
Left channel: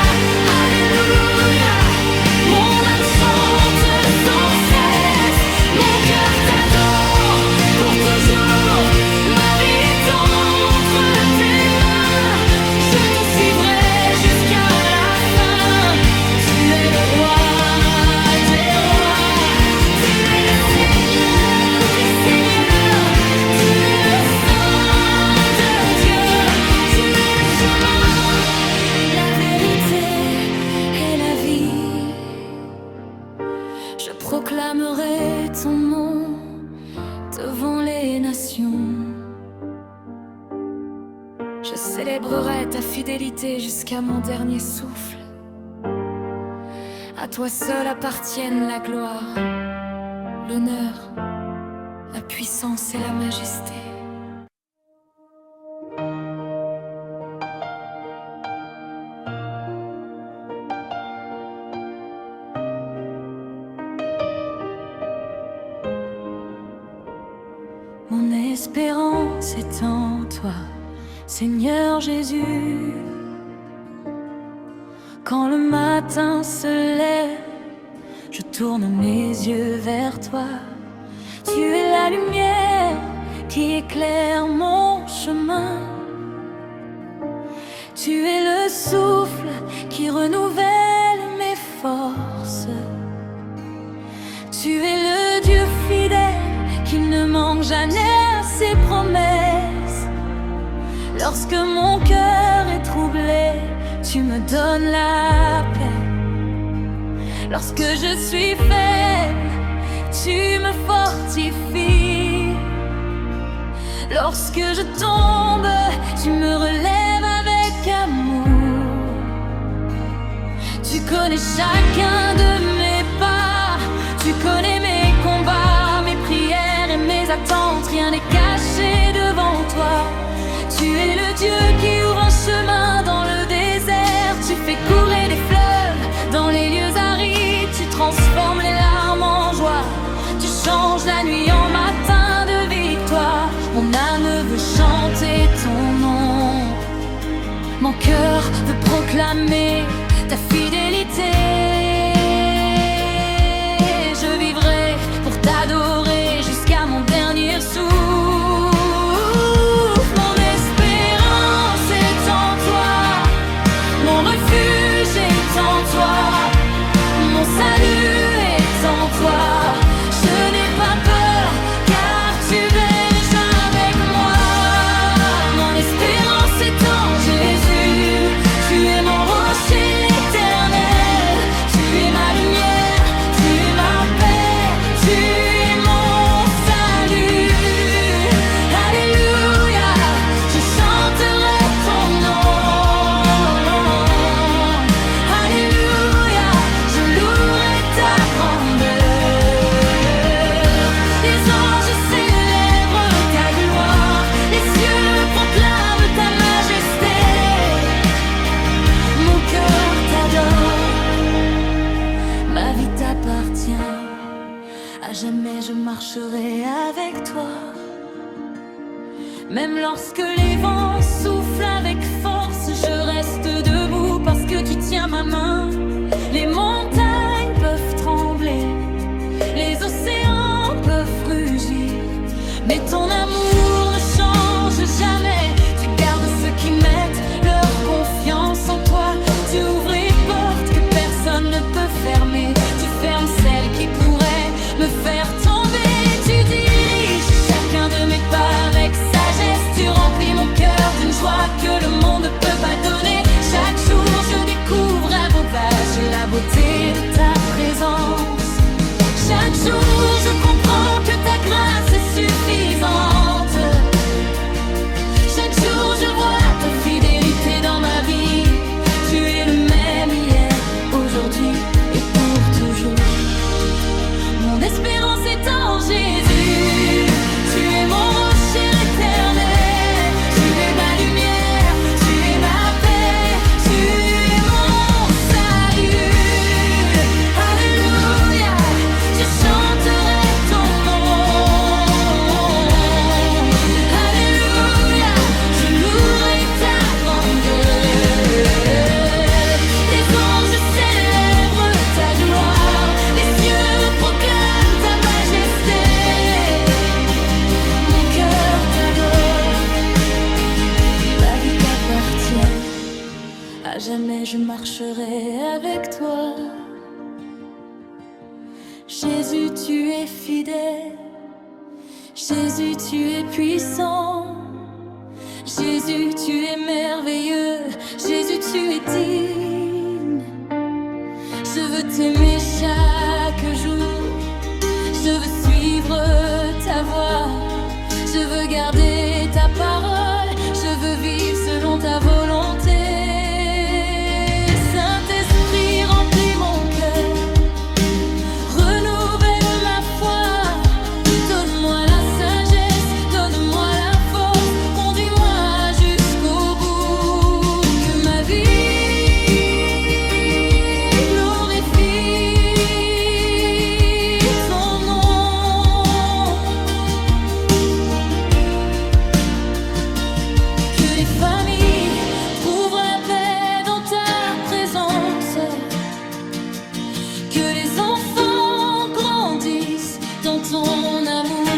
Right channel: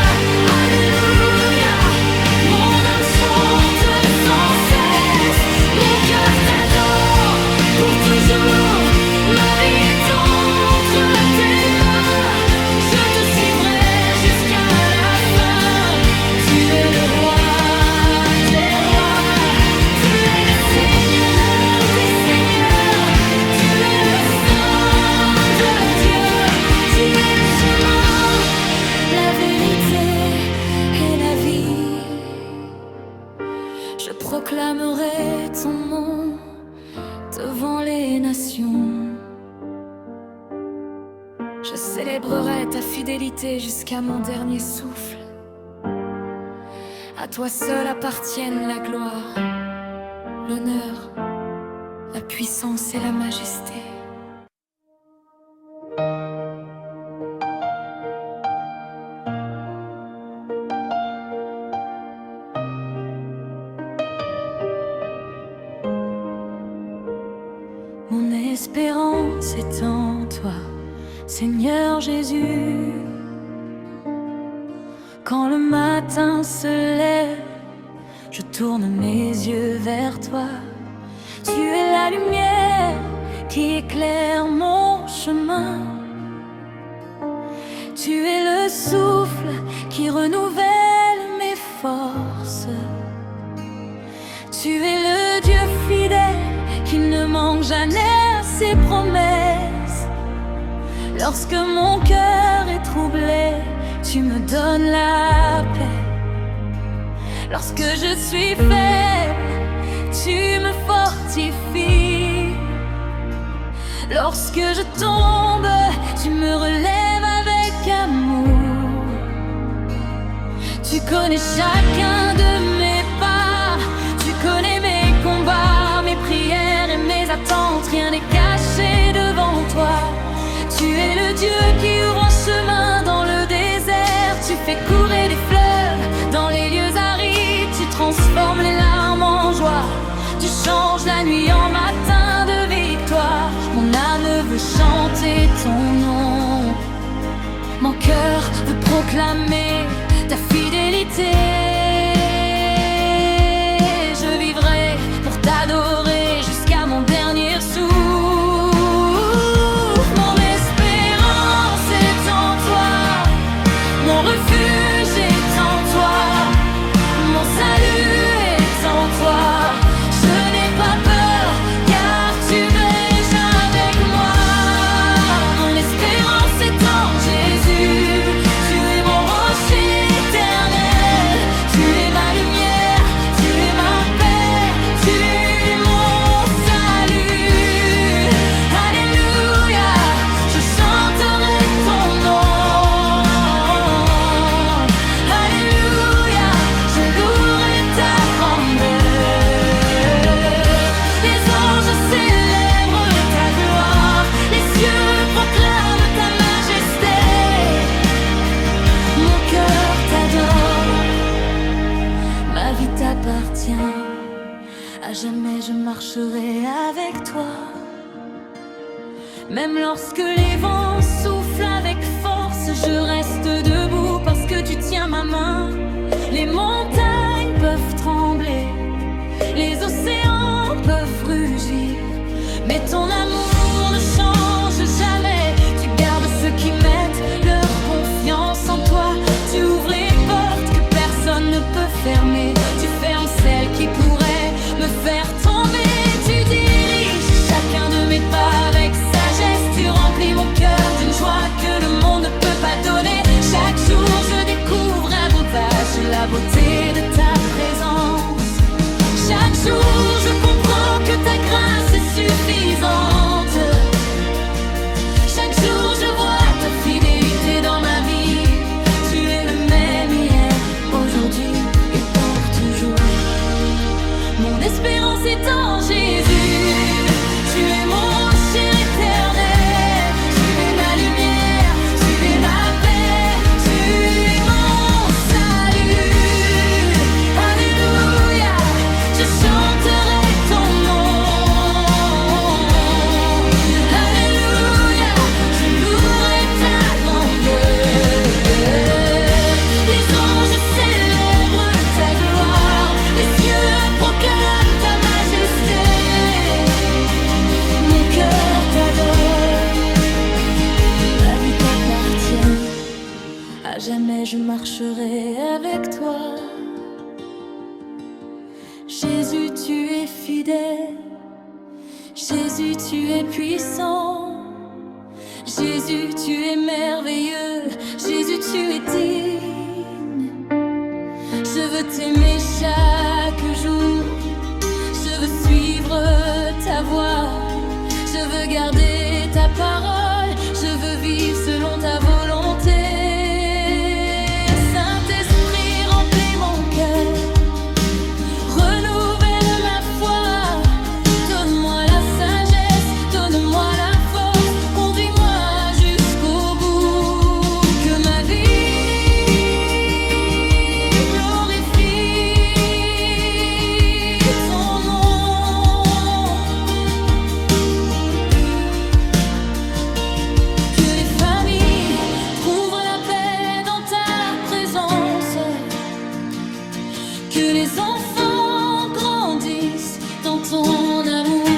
alléluia. Mon âme chante sans cesse, mon cœur t'adore pour toujours. Ma vie est entre tes mains, je te suivrai jusqu'à la fin. Tu es le roi des rois, tu es le Seigneur des seigneurs, tu es le Saint de Dieu, tu es le chemin, la vérité et la vie. Je proclamerai ton nom devant les nations. Je célébrerai ta fidélité jusqu'à mon dernier souffle. À toi seul appartiennent la gloire, l'honneur, la puissance et la majesté. espérance est en toi, Seigneur Jésus. Quand le matin se lève, je tourne mes yeux vers toi. Tu es la lumière qui éclaire mon chemin. Tu es le souffle qui renouvelle mes forces. Tu es le Dieu fidèle qui ne manque jamais à ses promesses. Lorsque mon cœur est troublé, tu me donnes la paix. Lorsque je suis faible, tu me fortifies. Lorsque je tombe, tu me relèves avec amour. Tu connais chacun de mes pas, tu connais mes combats, mes prières et mes attentes. Rien n'est caché devant toi. Tu es le Dieu qui ouvre un chemin dans le désert. Tu fais courir des fleuves dans les lieux arides. Tu transformes les larmes en joie. Tu changes la nuit en matin de victoire. Mon âme veut chanter ton nom. Mon cœur veut proclamer ta fidélité. Je vivrai pour t'adorer jusqu'à mon dernier souffle. Mon espérance est en toi, mon refuge est en toi, mon salut est en toi. Je n'ai pas peur car tu es avec moi. Mon espérance est en Jésus. Tu es mon rocher éternel. Tu es ma lumière, tu es ma paix, tu es mon salut. Alléluia, je chanterai ton nom. Alléluia, je louerai ta grandeur. Les anges célèbrent ta gloire, les cieux proclament ta majesté. Mon cœur t'adore, ma vie t'appartient. À jamais je marcherai avec toi. Même lorsque les vents soufflent avec force, je reste debout parce que tu tiens ma main. Les montagnes peuvent trembler, les océans peuvent rugir, mais ton amour ne change jamais. Tu gardes ceux qui mettent leur confiance en toi. Tu ouvres les portes que personne ne peut fermer. Tu fermes celles qui pourraient me faire tomber. Tu diriges chacun de mes pas avec sagesse. Tu remplis mon cœur d'une joie que le monde ne peut pas donner. Chaque jour je découvre à beau vache la beauté de ta présence. Chaque jour je comprends que ta grâce est suffisante. Chaque jour je vois ta fidélité dans ma vie. Tu es le même hier, aujourd'hui et pour toujours. Mon espérance est en Jésus. Tu es mon rocher éternel. Tu es ma lumière, tu es ma paix, tu es mon salut. Alléluia, je chanterai ton nom. Alléluia, je louerai ta grandeur. Les anges célèbrent ta gloire, les cieux proclament ta majesté. Mon cœur t'adore, ma vie t'appartient. À jamais je marcherai avec toi. Jésus, tu es fidèle. Jésus, tu es puissant. Jésus, tu es merveilleux. Jésus, tu es digne. Je veux t'aimer chaque jour. Je veux suivre ta voie. Je veux garder ta parole. Je veux vivre selon ta volonté. Saint-Esprit, remplis mon cœur. Renouvelle ma foi. Donne-moi la sagesse. Donne-moi la force. Conduis-moi jusqu'au bout. Que ma vie glorifie ton nom. que les enfants grandissent dans ton amour,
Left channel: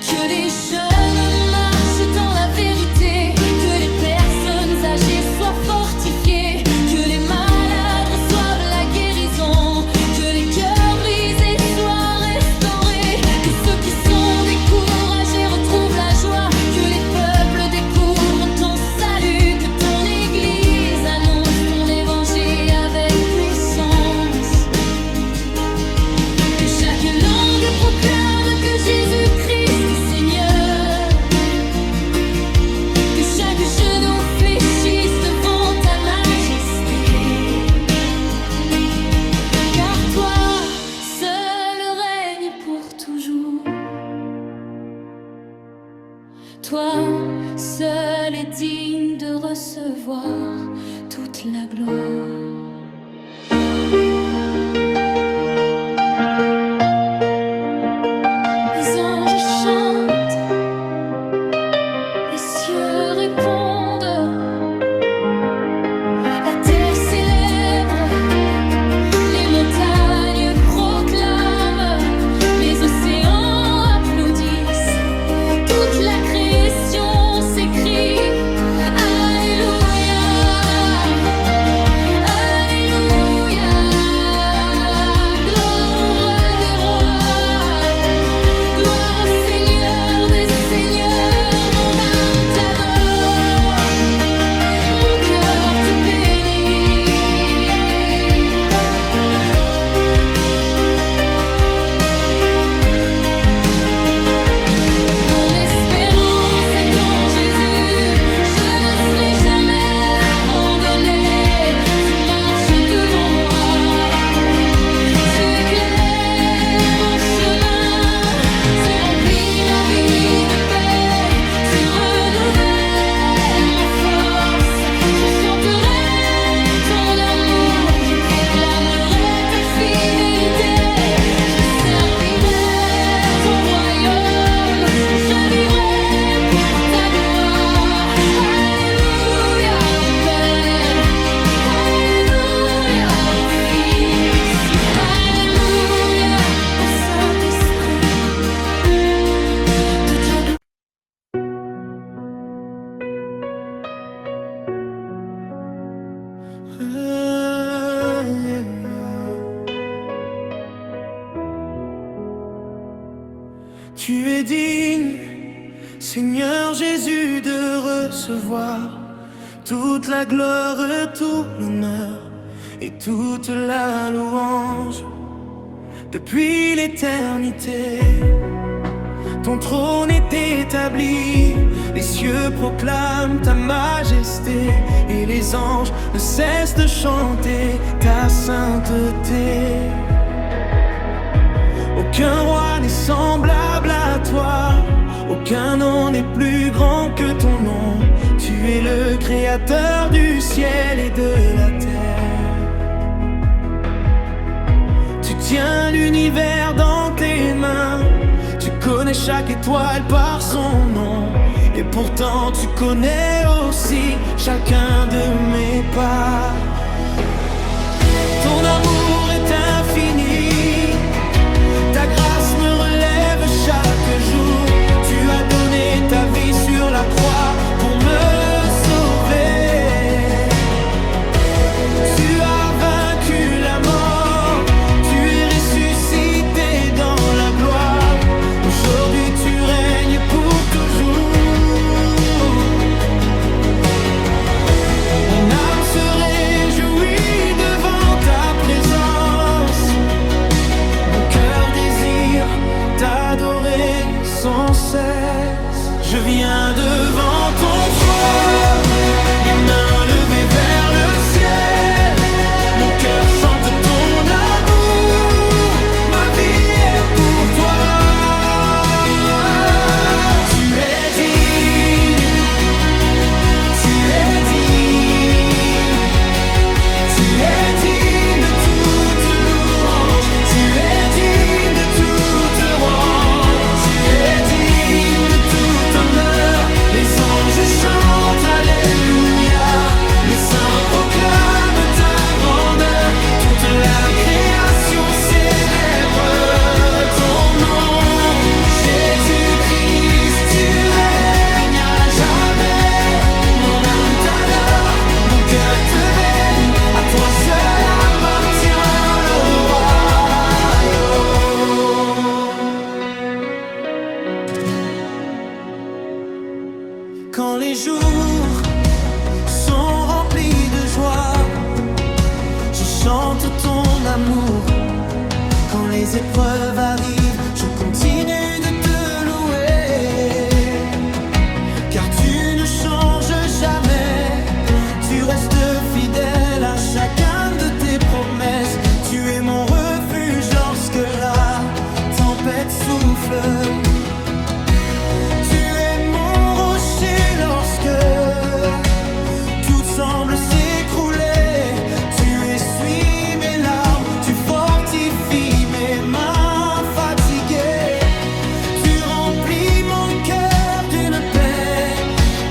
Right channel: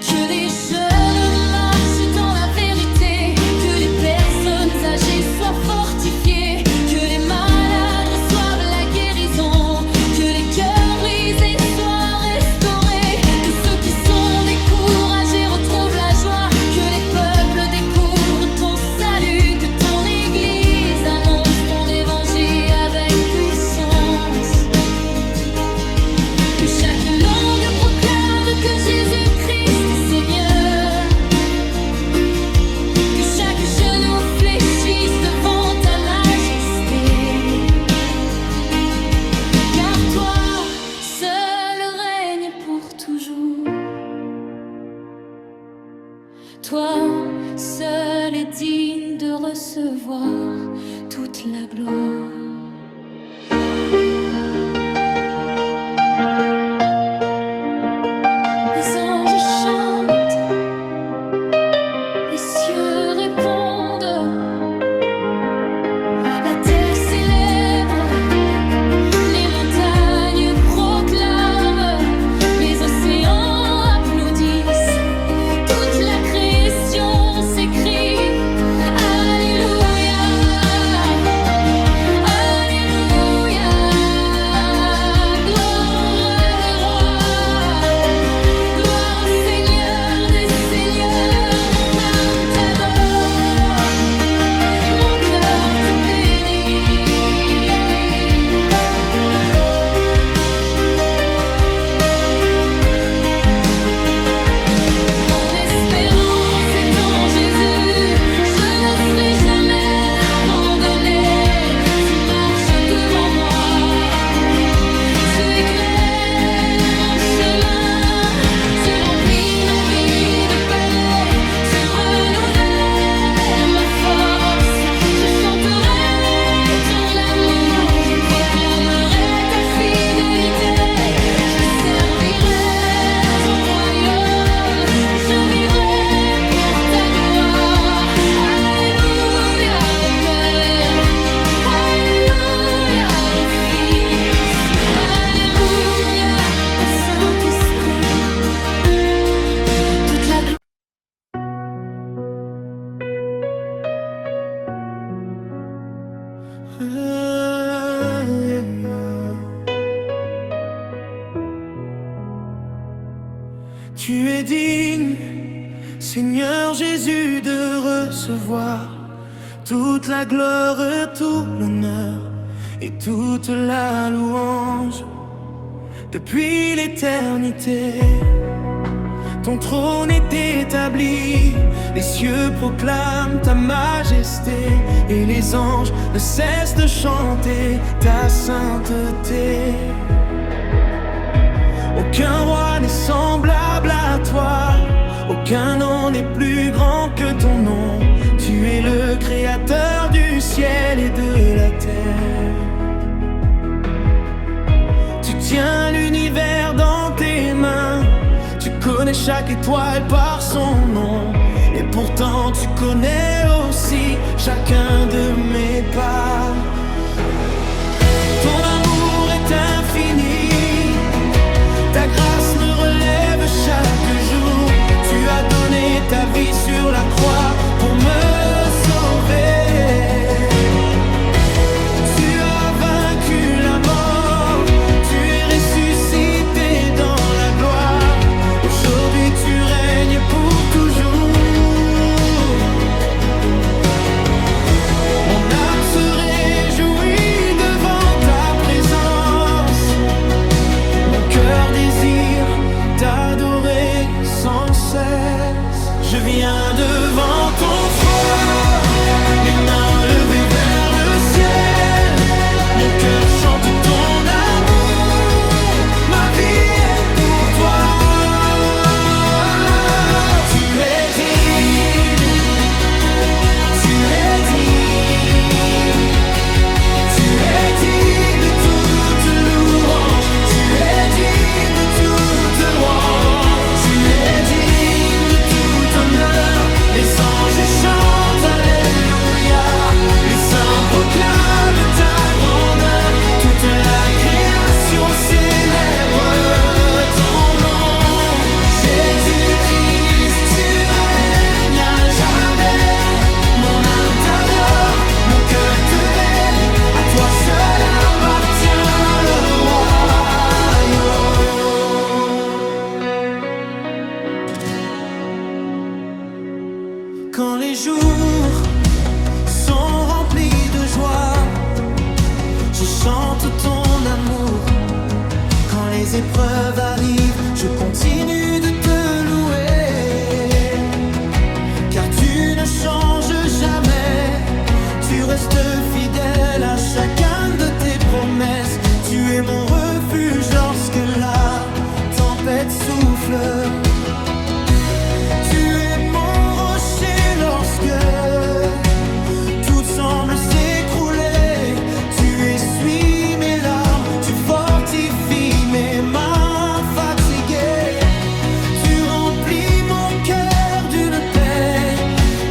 que les jeunes marchent dans la vérité, que les personnes âgées soient fortifiées, que les malades reçoivent la guérison, que les cœurs brisés soient restaurés, que ceux qui sont découragés retrouvent la joie, que les peuples découvrent ton salut, que ton Église annonce ton évangile avec puissance, que chaque langue proclame que Jésus-Christ est Seigneur, que chaque genou fléchisse devant ta majesté, car toi seul règne pour toujours. Toi seul est digne de recevoir toute la gloire. Les anges chantent, les cieux répondent, la terre célèbre, les montagnes proclament, les océans applaudissent, toute la création s'écrie Alléluia, Alléluia, gloire au roi des rois, gloire au Seigneur des seigneurs. Mon âme t'adore, mon cœur te bénit. Mon espérance est en Jésus, je ne serai jamais abandonné. Tu marches devant moi, tu éclaires mon chemin, tu remplis ma vie de paix, tu renouvelles ma force. Je chanterai ton amour, je proclamerai ta fidélité, je servirai ton royaume, je vivrai pour ta gloire. Alléluia au Père, Alléluia au Fils, Alléluia au Saint-Esprit. Toute la gloire. Tu es digne, Seigneur Jésus, de recevoir toute la gloire, tout l'honneur et toute la louange. Depuis l'éternité, ton trône est établi, les cieux proclament ta majesté et les anges ne cessent de chanter ta sainteté. Aucun roi n'est semblable à toi, aucun nom n'est plus grand que ton nom. Tu es le créateur du ciel et de la terre. Tu tiens l'univers dans tes mains, tu connais chaque étoile par son nom. Et pourtant tu connais aussi chacun de mes pas. Ton amour est infini, ta grâce me relève chaque jour. Tu as donné ta vie sur la croix pour me sauver. Tu as vaincu la mort, tu es ressuscité dans la gloire. Aujourd'hui tu règnes pour toujours. Mon âme se réjouit devant ta présence, mon cœur désire t'adorer sans cesse. Je viens devant ton trône, les mains levées vers le ciel. Mon cœur chante ton amour, ma vie est pour toi. Tu es digne, tu es digne, tu es digne de toute louange, tu es digne de toute louange, tu es digne de tout honneur. Les anges chantent Alléluia, les saints proclament ta grandeur. Toute Quand les jours sont remplis de joie, je chante ton amour. Quand les épreuves arrivent, je continue de te louer. Car tu ne changes jamais, tu restes fidèle à chacun de tes promesses. Tu es mon refuge lorsque la tempête souffle. Tu es mon rocher lorsque tout semble s'écrouler. Tu essuies mes larmes, tu fortifies mes mains fatiguées. Tu remplis mon cœur d'une paix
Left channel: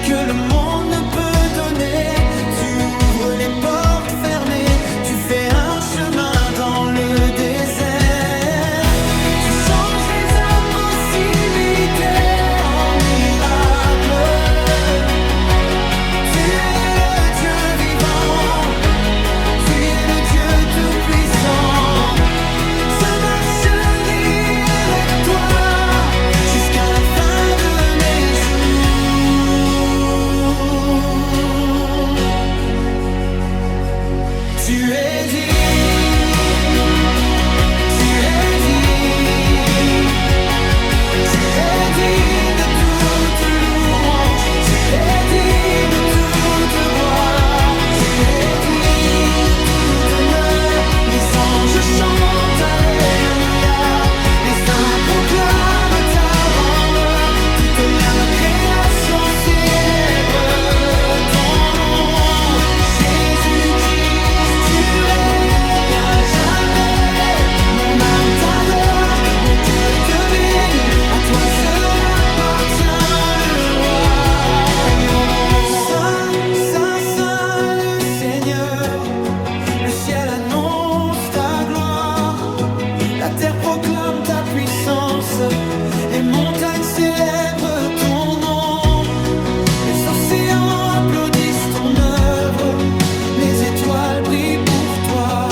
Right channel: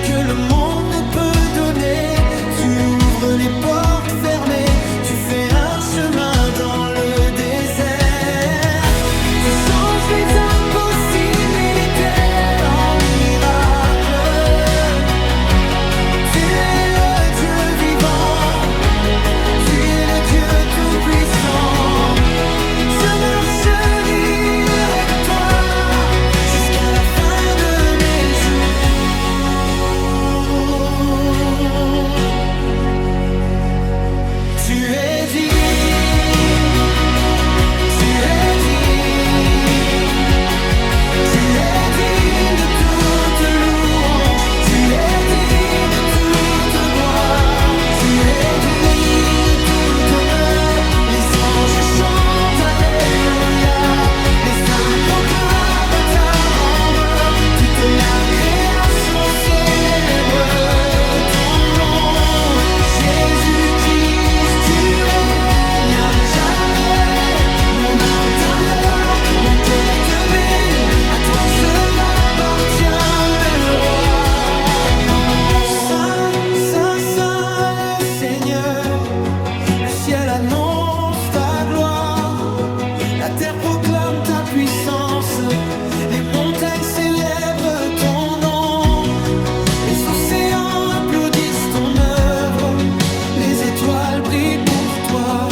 que le monde ne peut donner. Tu ouvres les portes fermées, tu fais un chemin dans le désert. Tu changes les impossibilités en miracles. Tu es le Dieu vivant, tu es le Dieu tout-puissant. Je marcherai avec toi jusqu'à la fin de mes jours. Tu es digne, tu es digne, tu es digne de toute louange, tu es digne de toute gloire, tu es digne de tout honneur. Les anges chantent Alléluia, les saints proclament à ta grandeur. Toute la création célèbre ton nom. Jésus-Christ, tu règnes à jamais. Mon âme t'adore, mon cœur te bénit. À toi seul appartient le royaume. Saint, Saint, Saint le Seigneur. Le ciel annonce ta gloire, la terre proclame ta puissance, les montagnes célèbrent ton nom, les océans applaudissent ton œuvre, les étoiles brillent pour toi,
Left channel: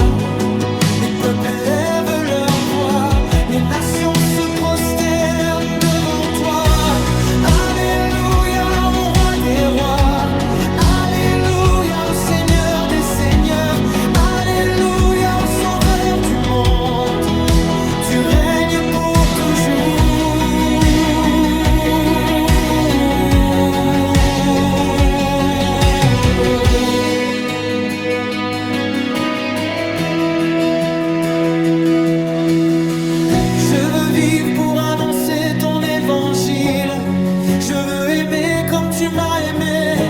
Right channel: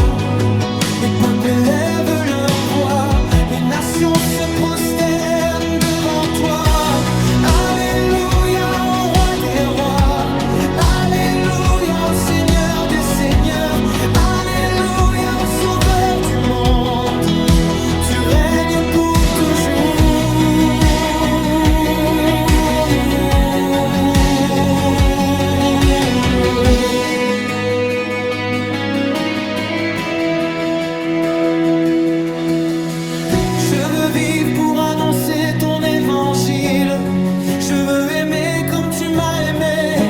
les peuples élèvent leur voix, les nations se prosternent devant toi. Alléluia au roi des rois, alléluia au Seigneur des seigneurs, alléluia au sauveur du monde. Tu règnes pour toujours. Je veux vivre pour annoncer ton évangile. Je veux aimer comme tu m'as aimé.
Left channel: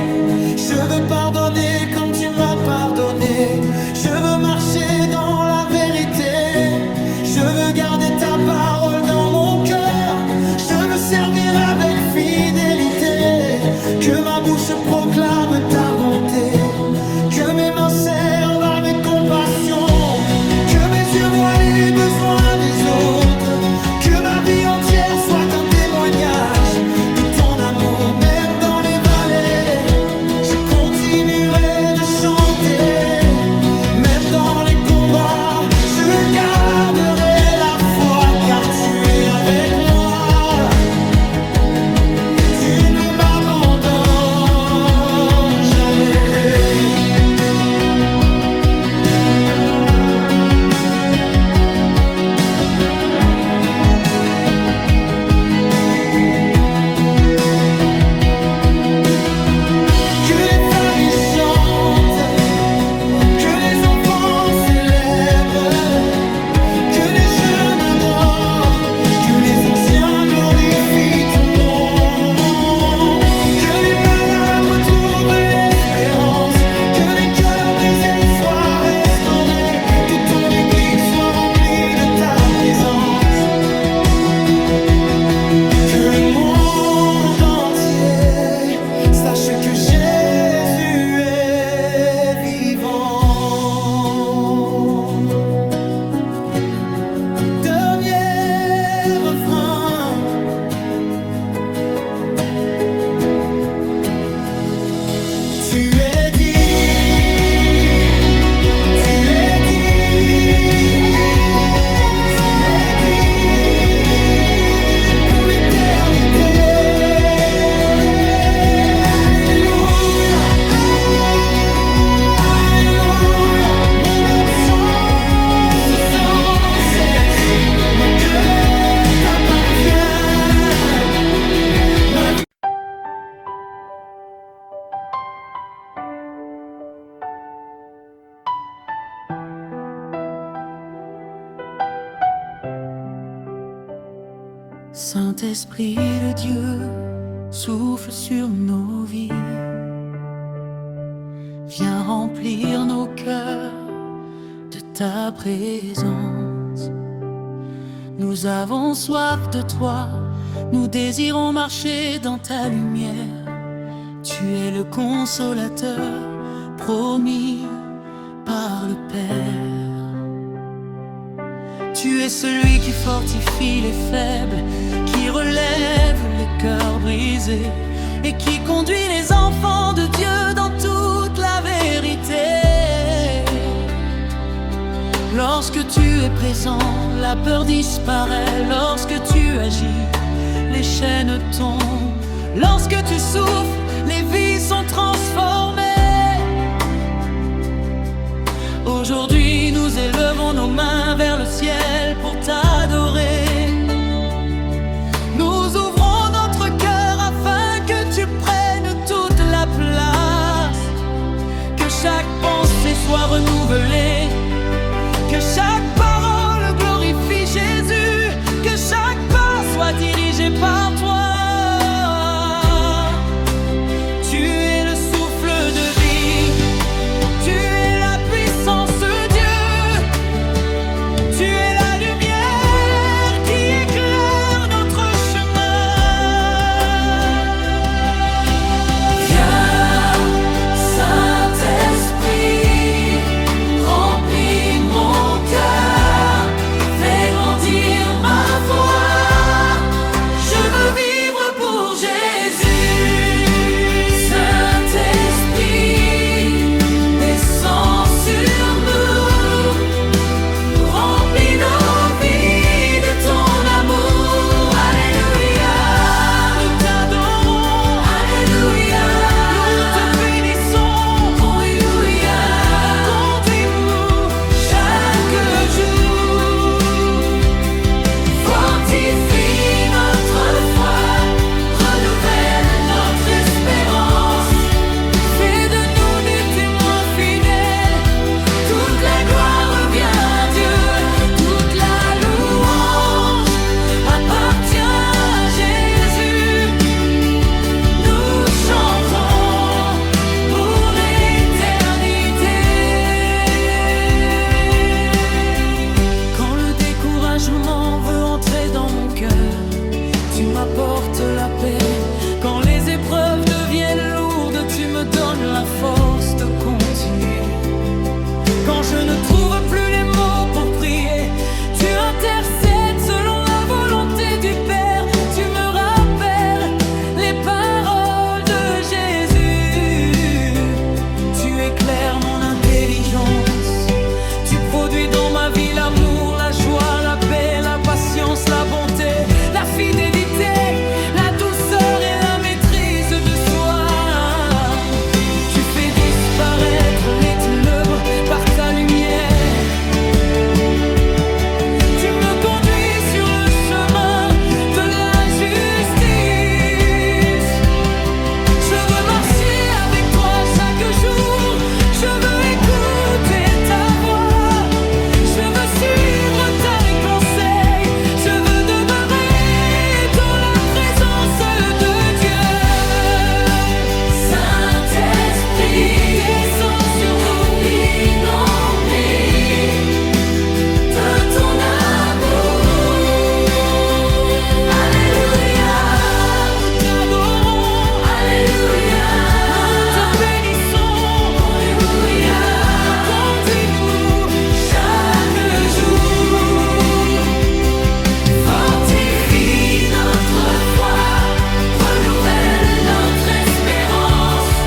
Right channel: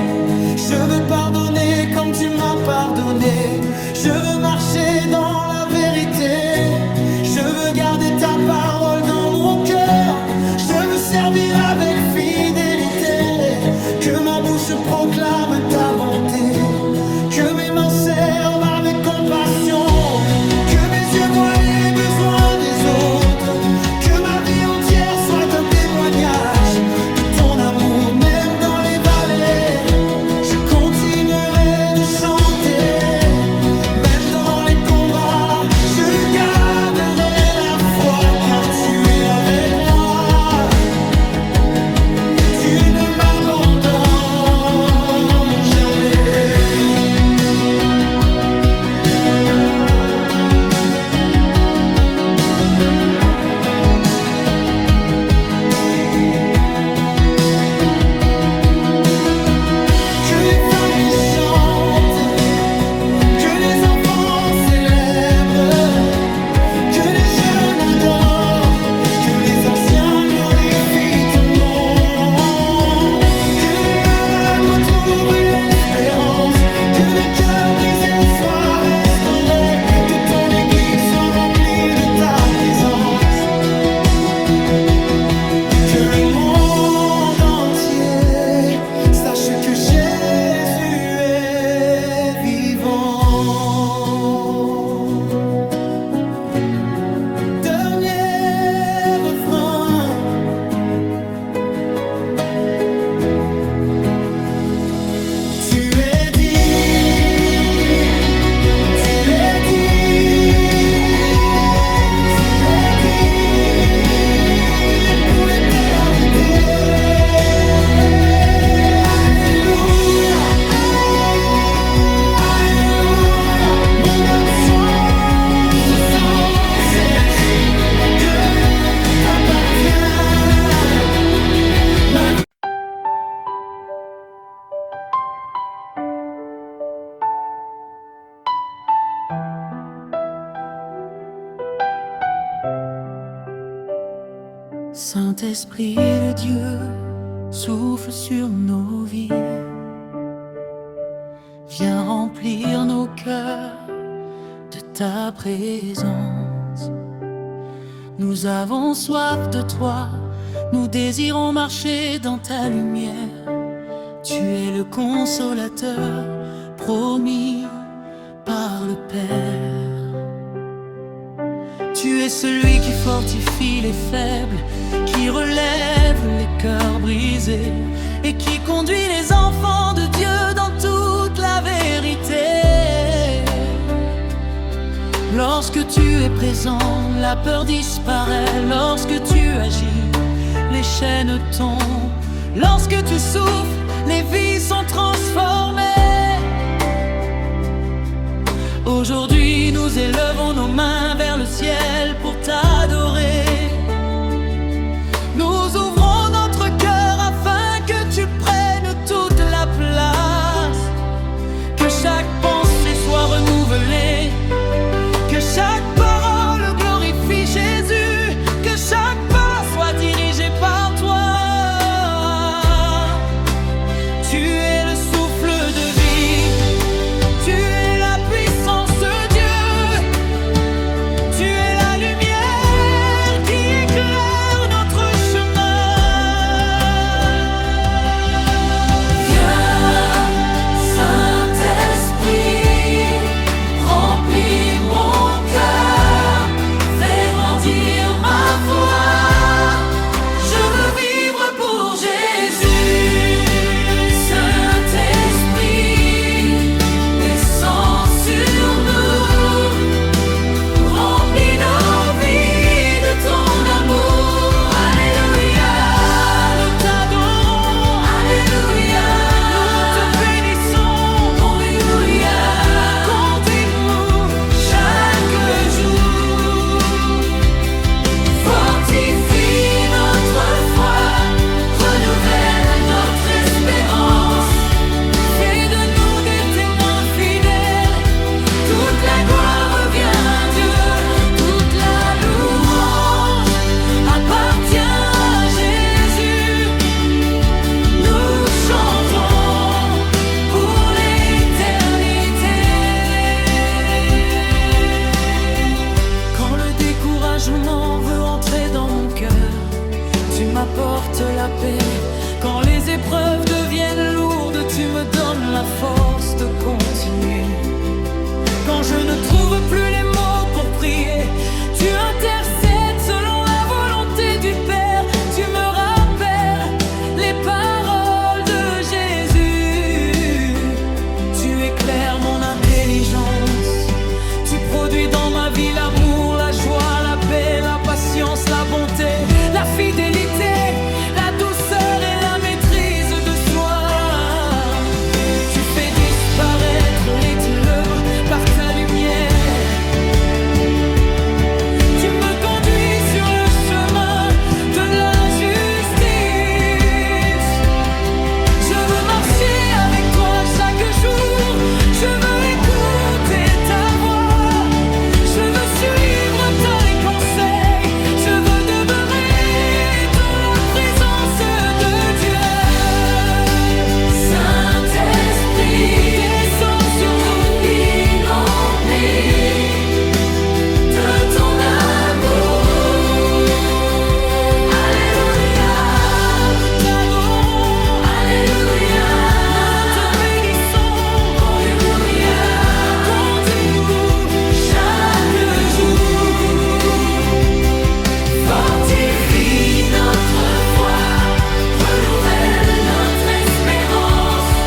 Je veux pardonner comme tu m'as pardonné. Je veux marcher dans la vérité. Je veux garder ta parole dans mon cœur. Je veux servir avec fidélité. Que ma bouche proclame ta bonté. Que mes mains servent avec compassion. Que mes yeux voient les besoins des autres. Que ma vie entière soit un témoignage de ton amour, même dans les vallées. Je continuerai de chanter, même dans les combats. Je garderai la foi, car tu es avec moi. Tu ne m'abandonnes jamais. Que les familles chantent, que les enfants célèbrent, que les jeunes adorent, que les anciens glorifient ton nom, que les malades retrouvent l'espérance, que les cœurs brisés soient restaurés, que ton église soit remplie de ta présence, que le monde entier sache que Jésus est vivant. Dernier refrain. Tu es digne, tu es digne, tu es digne pour l'éternité. Saint-Esprit de Dieu, souffle sur nos vies. Viens remplir nos cœurs de ta présence. Nous avons soif de toi, nous désirons marcher dans ta lumière. Tu es le consolateur promis par le Père. Tu es celui qui fortifie les faibles, qui relève les cœurs brisés et qui conduit les enfants de Dieu dans toute la vérité. Lorsque tu es présent, la peur disparaît. Lorsque tu agis, les chaînes tombent. Lorsque tu souffles, les vies sont transformées. Aujourd'hui, nous élevons nos mains vers le ciel pour t'adorer. Nous ouvrons notre cœur afin que tu prennes toute la place. Que chaque pensée soit renouvelée, que chaque parole glorifie Jésus, que chaque pas soit dirigé par toi. Tu es le souffle de vie, tu es la puissance de Dieu, tu es la lumière qui éclaire notre chemin. Viens, Saint-Esprit, remplis mon cœur, fais grandir ma foi. Je veux vivre pour Jésus. Veut entrer dans mon cœur, tu m'apportes la paix. Quand les épreuves deviennent lourdes, tu me donnes la force de continuer. Quand je ne trouve plus les mots pour prier, tu intercèdes selon la volonté du Père. Tu me rappelles les paroles de Jésus. Tu éclaires mon intelligence. Tu produis dans ma vie l'amour, la joie, la paix, la patience, la bonté, la fidélité, la douceur et la maîtrise de soi. Tu fais disparaître les ténèbres par ta lumière. Tu me conduis sur le chemin de la justice. Je veux marcher avec toi chaque jour. Je veux écouter ta voix. Je veux suivre tes conseils, je veux demeurer dans la présence de Dieu. Saint-Esprit, descends sur nous, remplis de ton amour. Alléluia, nous t'adorons. Alléluia, nous te bénissons. Alléluia, conduis-nous chaque jour, fortifie notre foi, renouvelle notre espérance,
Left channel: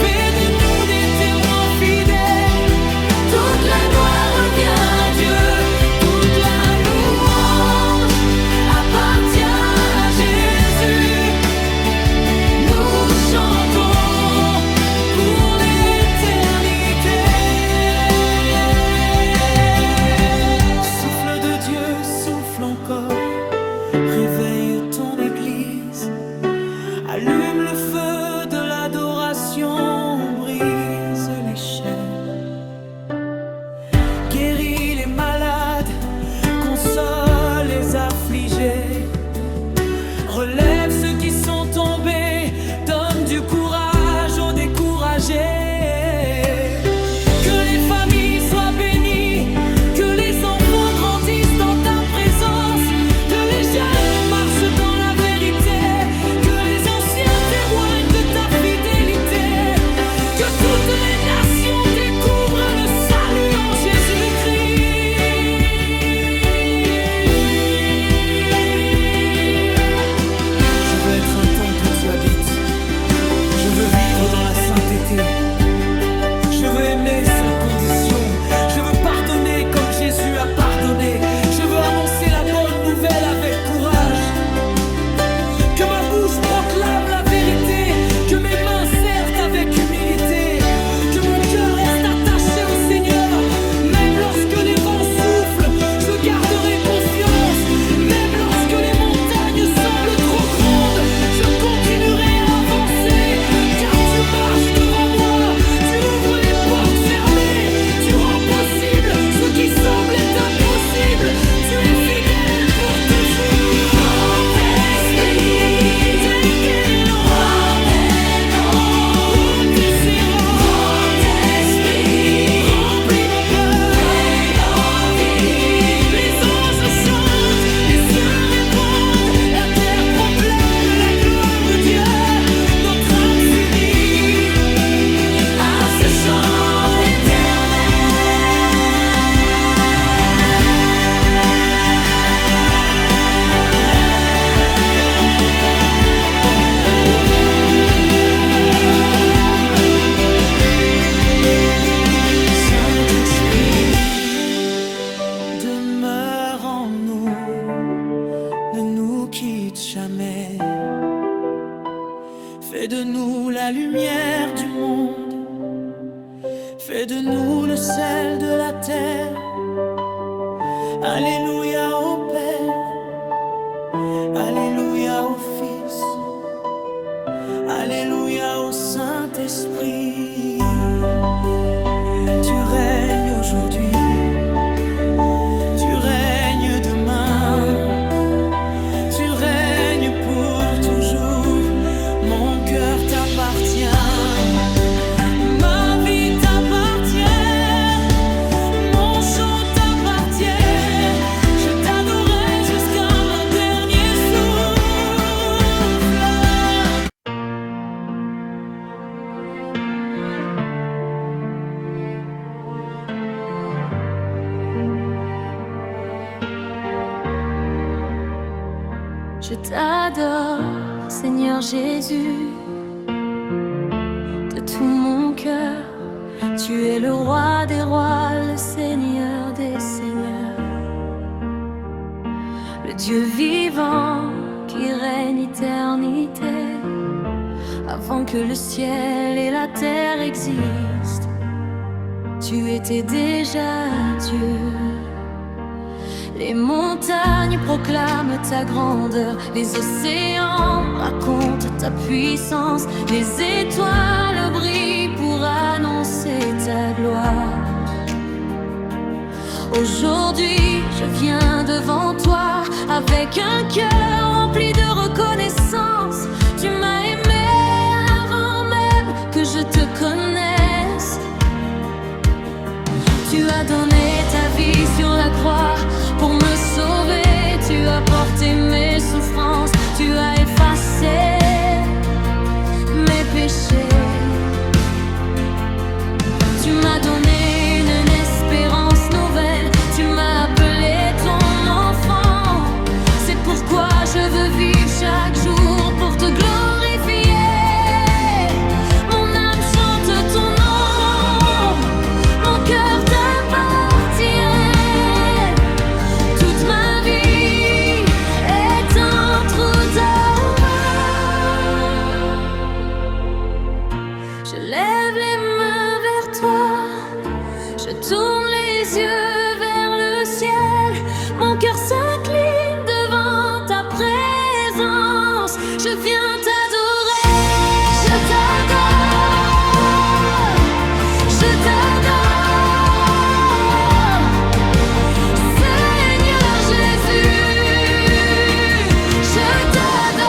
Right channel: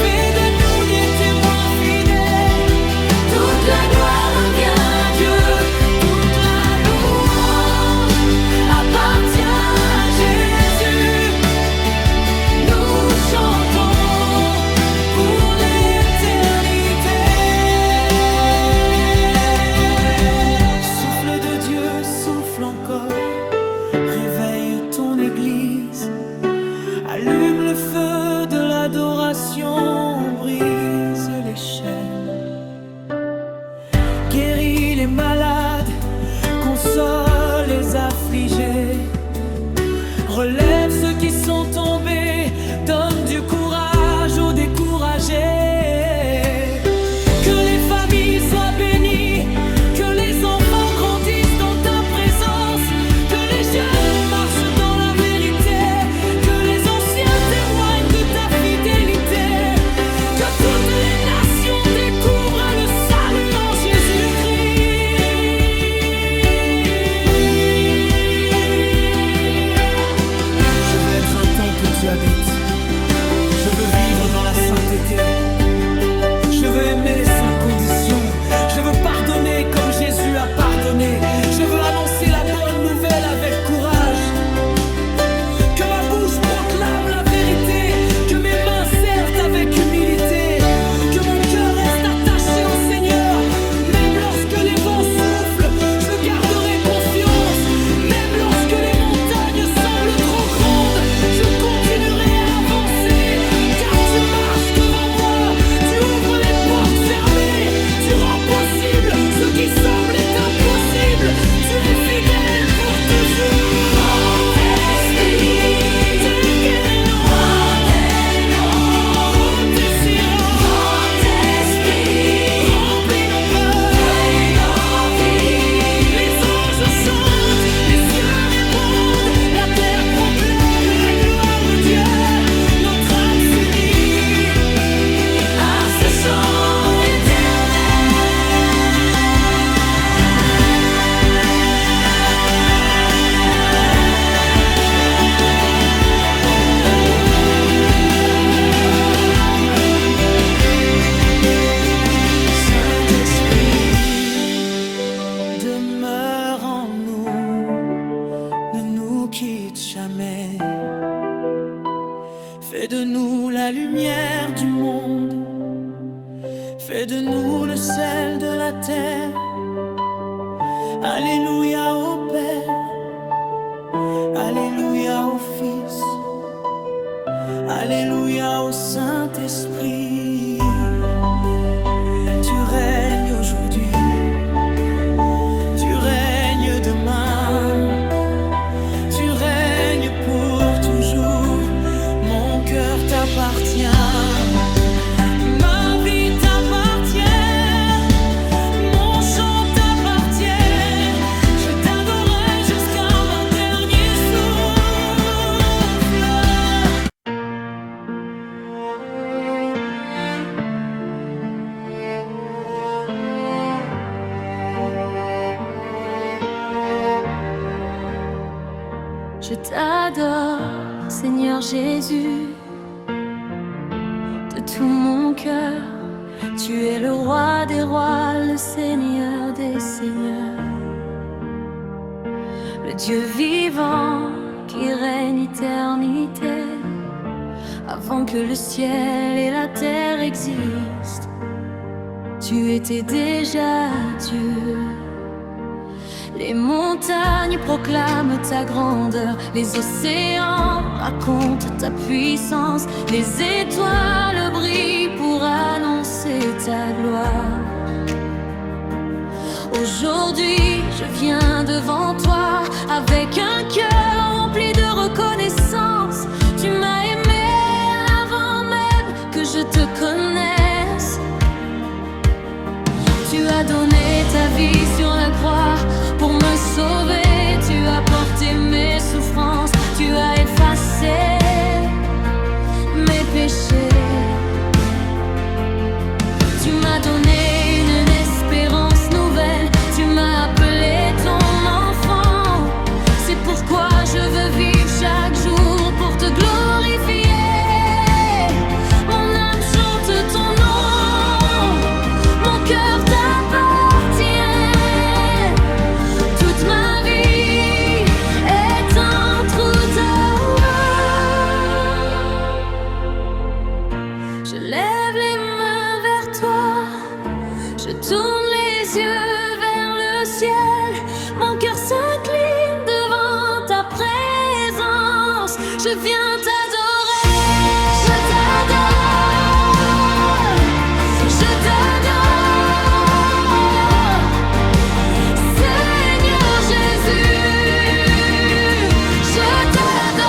fais de nous des témoins fidèles. Toute la gloire revient à Dieu, toute la louange appartient à Jésus. Nous chantons pour l'éternité. Souffle de Dieu, souffle encore, réveille ton Église, allume le feu de l'adoration, brise les chaînes, guéris les malades, console les affligés, relève ceux qui sont tombés, donne du courage aux découragés. Que les familles soient bénies, que les enfants grandissent dans ta présence, que les jeunes marchent dans la vérité, que les anciens témoignent de ta fidélité, que toutes les nations découvrent le salut en Jésus-Christ. Je veux être un temple où tu habites, je veux vivre dans la sainteté. Je veux aimer sans condition, je veux pardonner comme Jésus a pardonné. Je veux annoncer la bonne nouvelle avec courage. Que ma bouche proclame la vérité, que mes mains servent avec humilité, que mon cœur reste attaché au Seigneur. Même lorsque les vents soufflent, je garderai confiance. Même lorsque les montagnes semblent trop grandes, je continuerai à avancer, car tu marches devant moi. Tu ouvres les portes fermées, tu rends possible ce qui semblait impossible. Tu es fidèle pour toujours. Demeure en nous, ne nous quitte jamais. Fais de nous la lumière du monde, fais de nous le sel de la terre. Alléluia au Père, alléluia au Fils, alléluia au Saint-Esprit. Tu règnes aujourd'hui, tu règnes demain, tu règnes pour toujours. Mon cœur t'appartient, ma vie t'appartient, mon chant t'appartient. Je t'adorerai jusqu'à mon dernier souffle. Je t'adore, Seigneur Jésus, de tout mon cœur. Tu es le roi des rois, le Seigneur des seigneurs, le Dieu vivant qui règne éternité. Avant que le ciel et la terre existent, tu étais déjà Dieu. Les montagnes proclament ta grandeur, les océans racontent ta puissance, les étoiles brillent pour annoncer ta gloire. Aujourd'hui, je viens devant toi avec un cœur rempli de reconnaissance. Tu m'as aimé avant même que je te connaisse. Tu as donné ta vie sur la croix pour me sauver. Tu as porté mes souffrances, tu as effacé mes péchés. Tu m'as donné une espérance nouvelle, tu m'as appelé ton enfant. C'est pourquoi je veux vivre chaque jour pour te glorifier. Mon âme chante ton nom, mon cœur je lève les mains vers toi, je tourne les yeux vers le ciel. Mon cœur s'incline devant ta présence. Je viens t'adorer, je t'adore, je t'adore. Seigneur Jésus, je t'adore.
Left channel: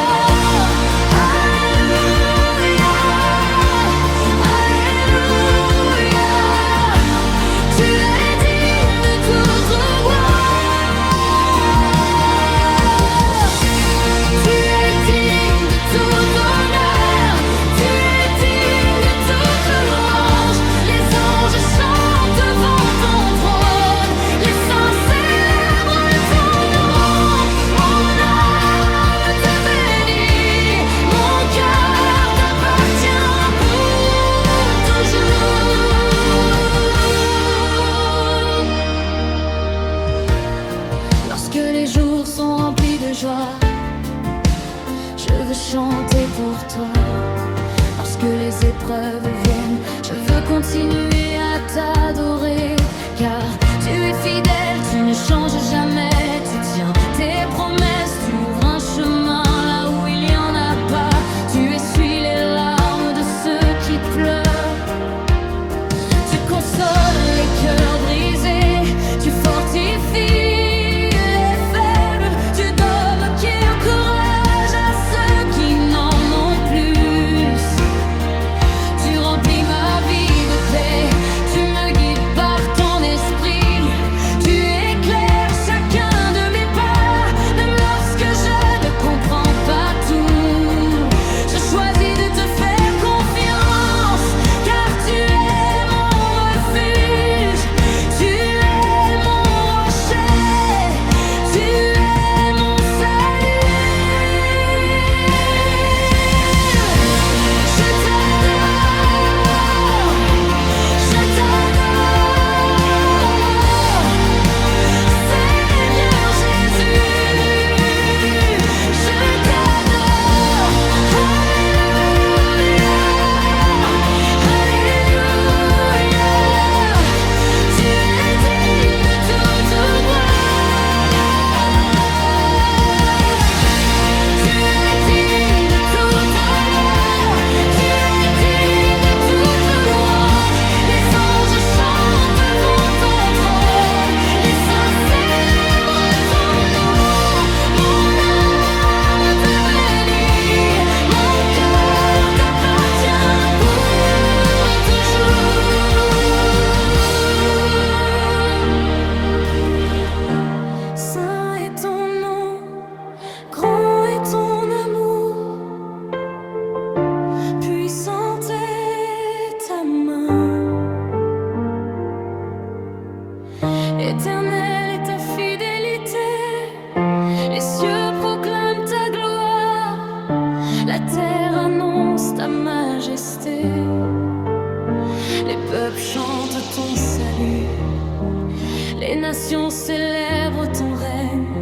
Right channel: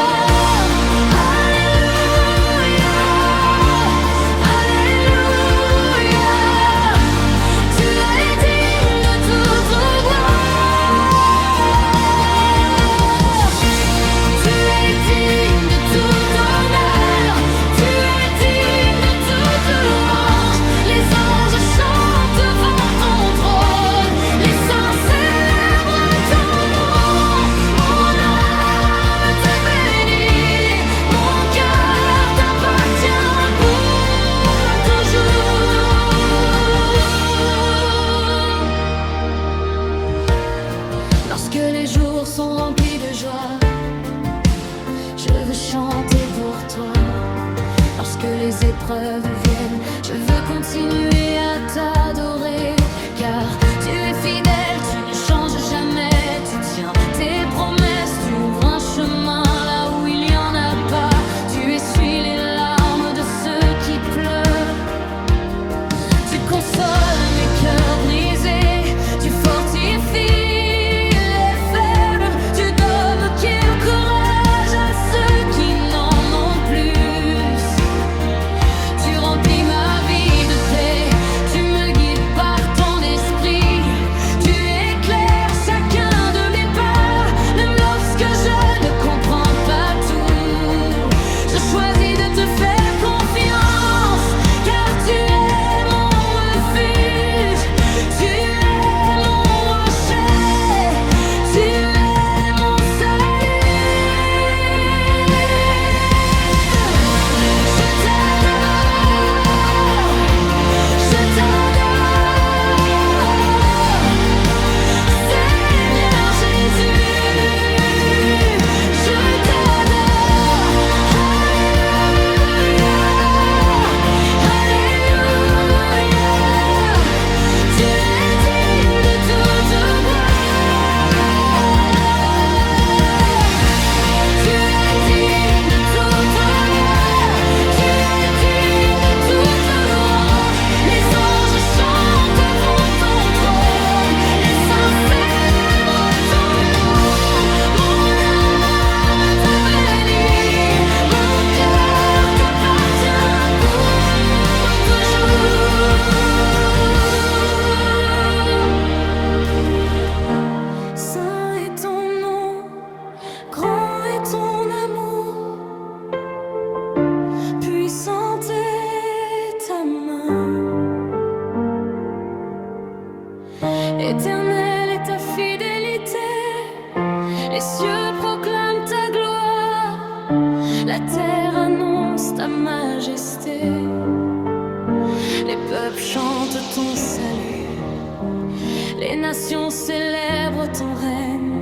veux chanter pour toi. Lorsque les épreuves viennent, je veux continuer à t'adorer. Car tu es fidèle, tu ne changes jamais. Tu tiens tes promesses, tu ouvres un chemin là où il n'y en a pas. Tu essuies les larmes de ceux qui pleurent. Tu consoles les cœurs brisés, tu fortifies les faibles. Tu donnes au cœur courage à ceux qui n'en ont plus. Tu remplis ma vie de paix, tu me guides par ton esprit. Tu éclaires chacun de mes pas, même lorsque je ne comprends pas tout. Je choisis de te faire confiance, car tu es mon refuge. Tu es mon rocher, tu es mon salut. Je t'adore, je t'adore, Seigneur Jésus. Je t'adore, Alléluia, Alléluia. Tu es digne de toute gloire. Tu es digne de tout honneur. Tu es digne de toute louange. Les anges chantent devant ton trône. Les saints célèbrent ton nom. Mon âme te bénit. Mon cœur t'appartient pour toujours. Saint est ton nom, grand est ton amour, puissante est ta main. Éternelle est ta fidélité, les cieux proclament ta gloire, la terre annonce ta majesté, les peuples chantent ton salut, les nations célèbrent ton règne.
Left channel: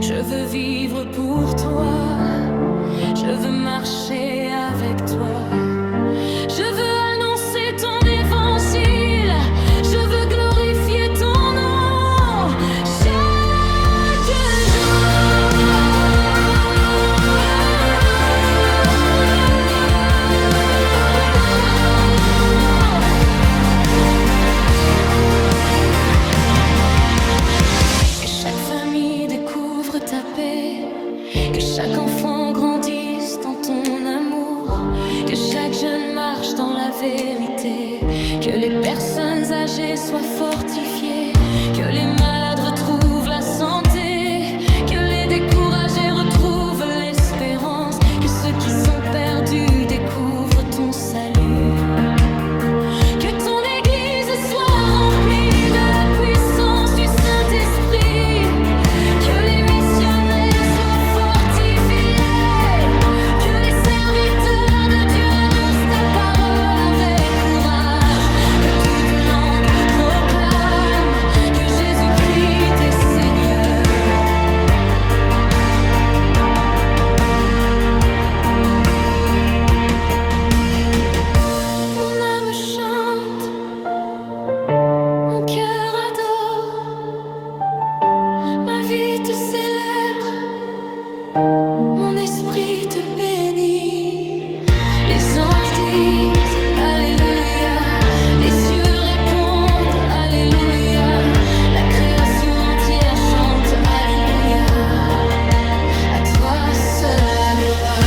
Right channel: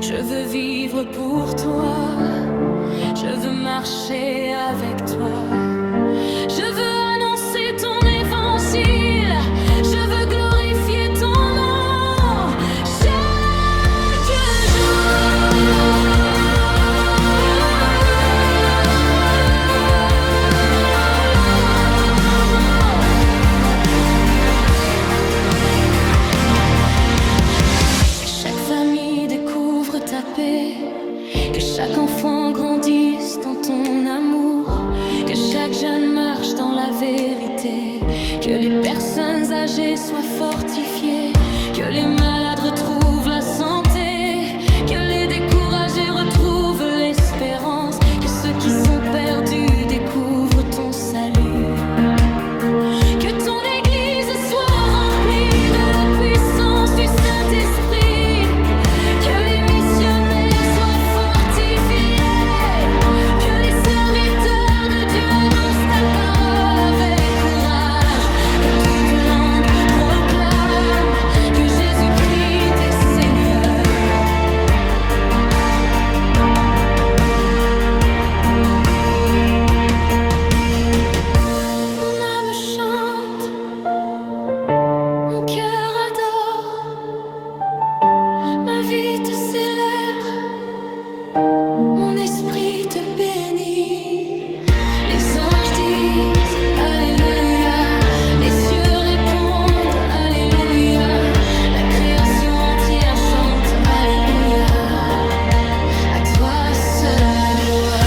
Je veux vivre pour toi, je veux marcher avec toi. Je veux annoncer ton évangile, je veux glorifier ton nom chaque jour. Que chaque famille découvre ta paix, que chaque enfant grandisse dans ton amour, que chaque jeune marche dans la vérité, que les personnes âgées soient fortifiées, que les malades retrouvent la santé, que les découragés retrouvent l'espérance, que ceux qui sont perdus découvrent ton salut. Que ton église soit remplie de la puissance du Saint-Esprit, que les missionnaires soient fortifiés, que les serviteurs de Dieu annoncent ta parole avec courage, que toute langue proclame que Jésus-Christ est Seigneur. Mon âme chante, mon cœur adore, ma vie te célèbre, mon esprit te bénit. Les anges disent Alléluia, les cieux répondent Alléluia, la création entière chante Alléluia. À toi seule la gloire.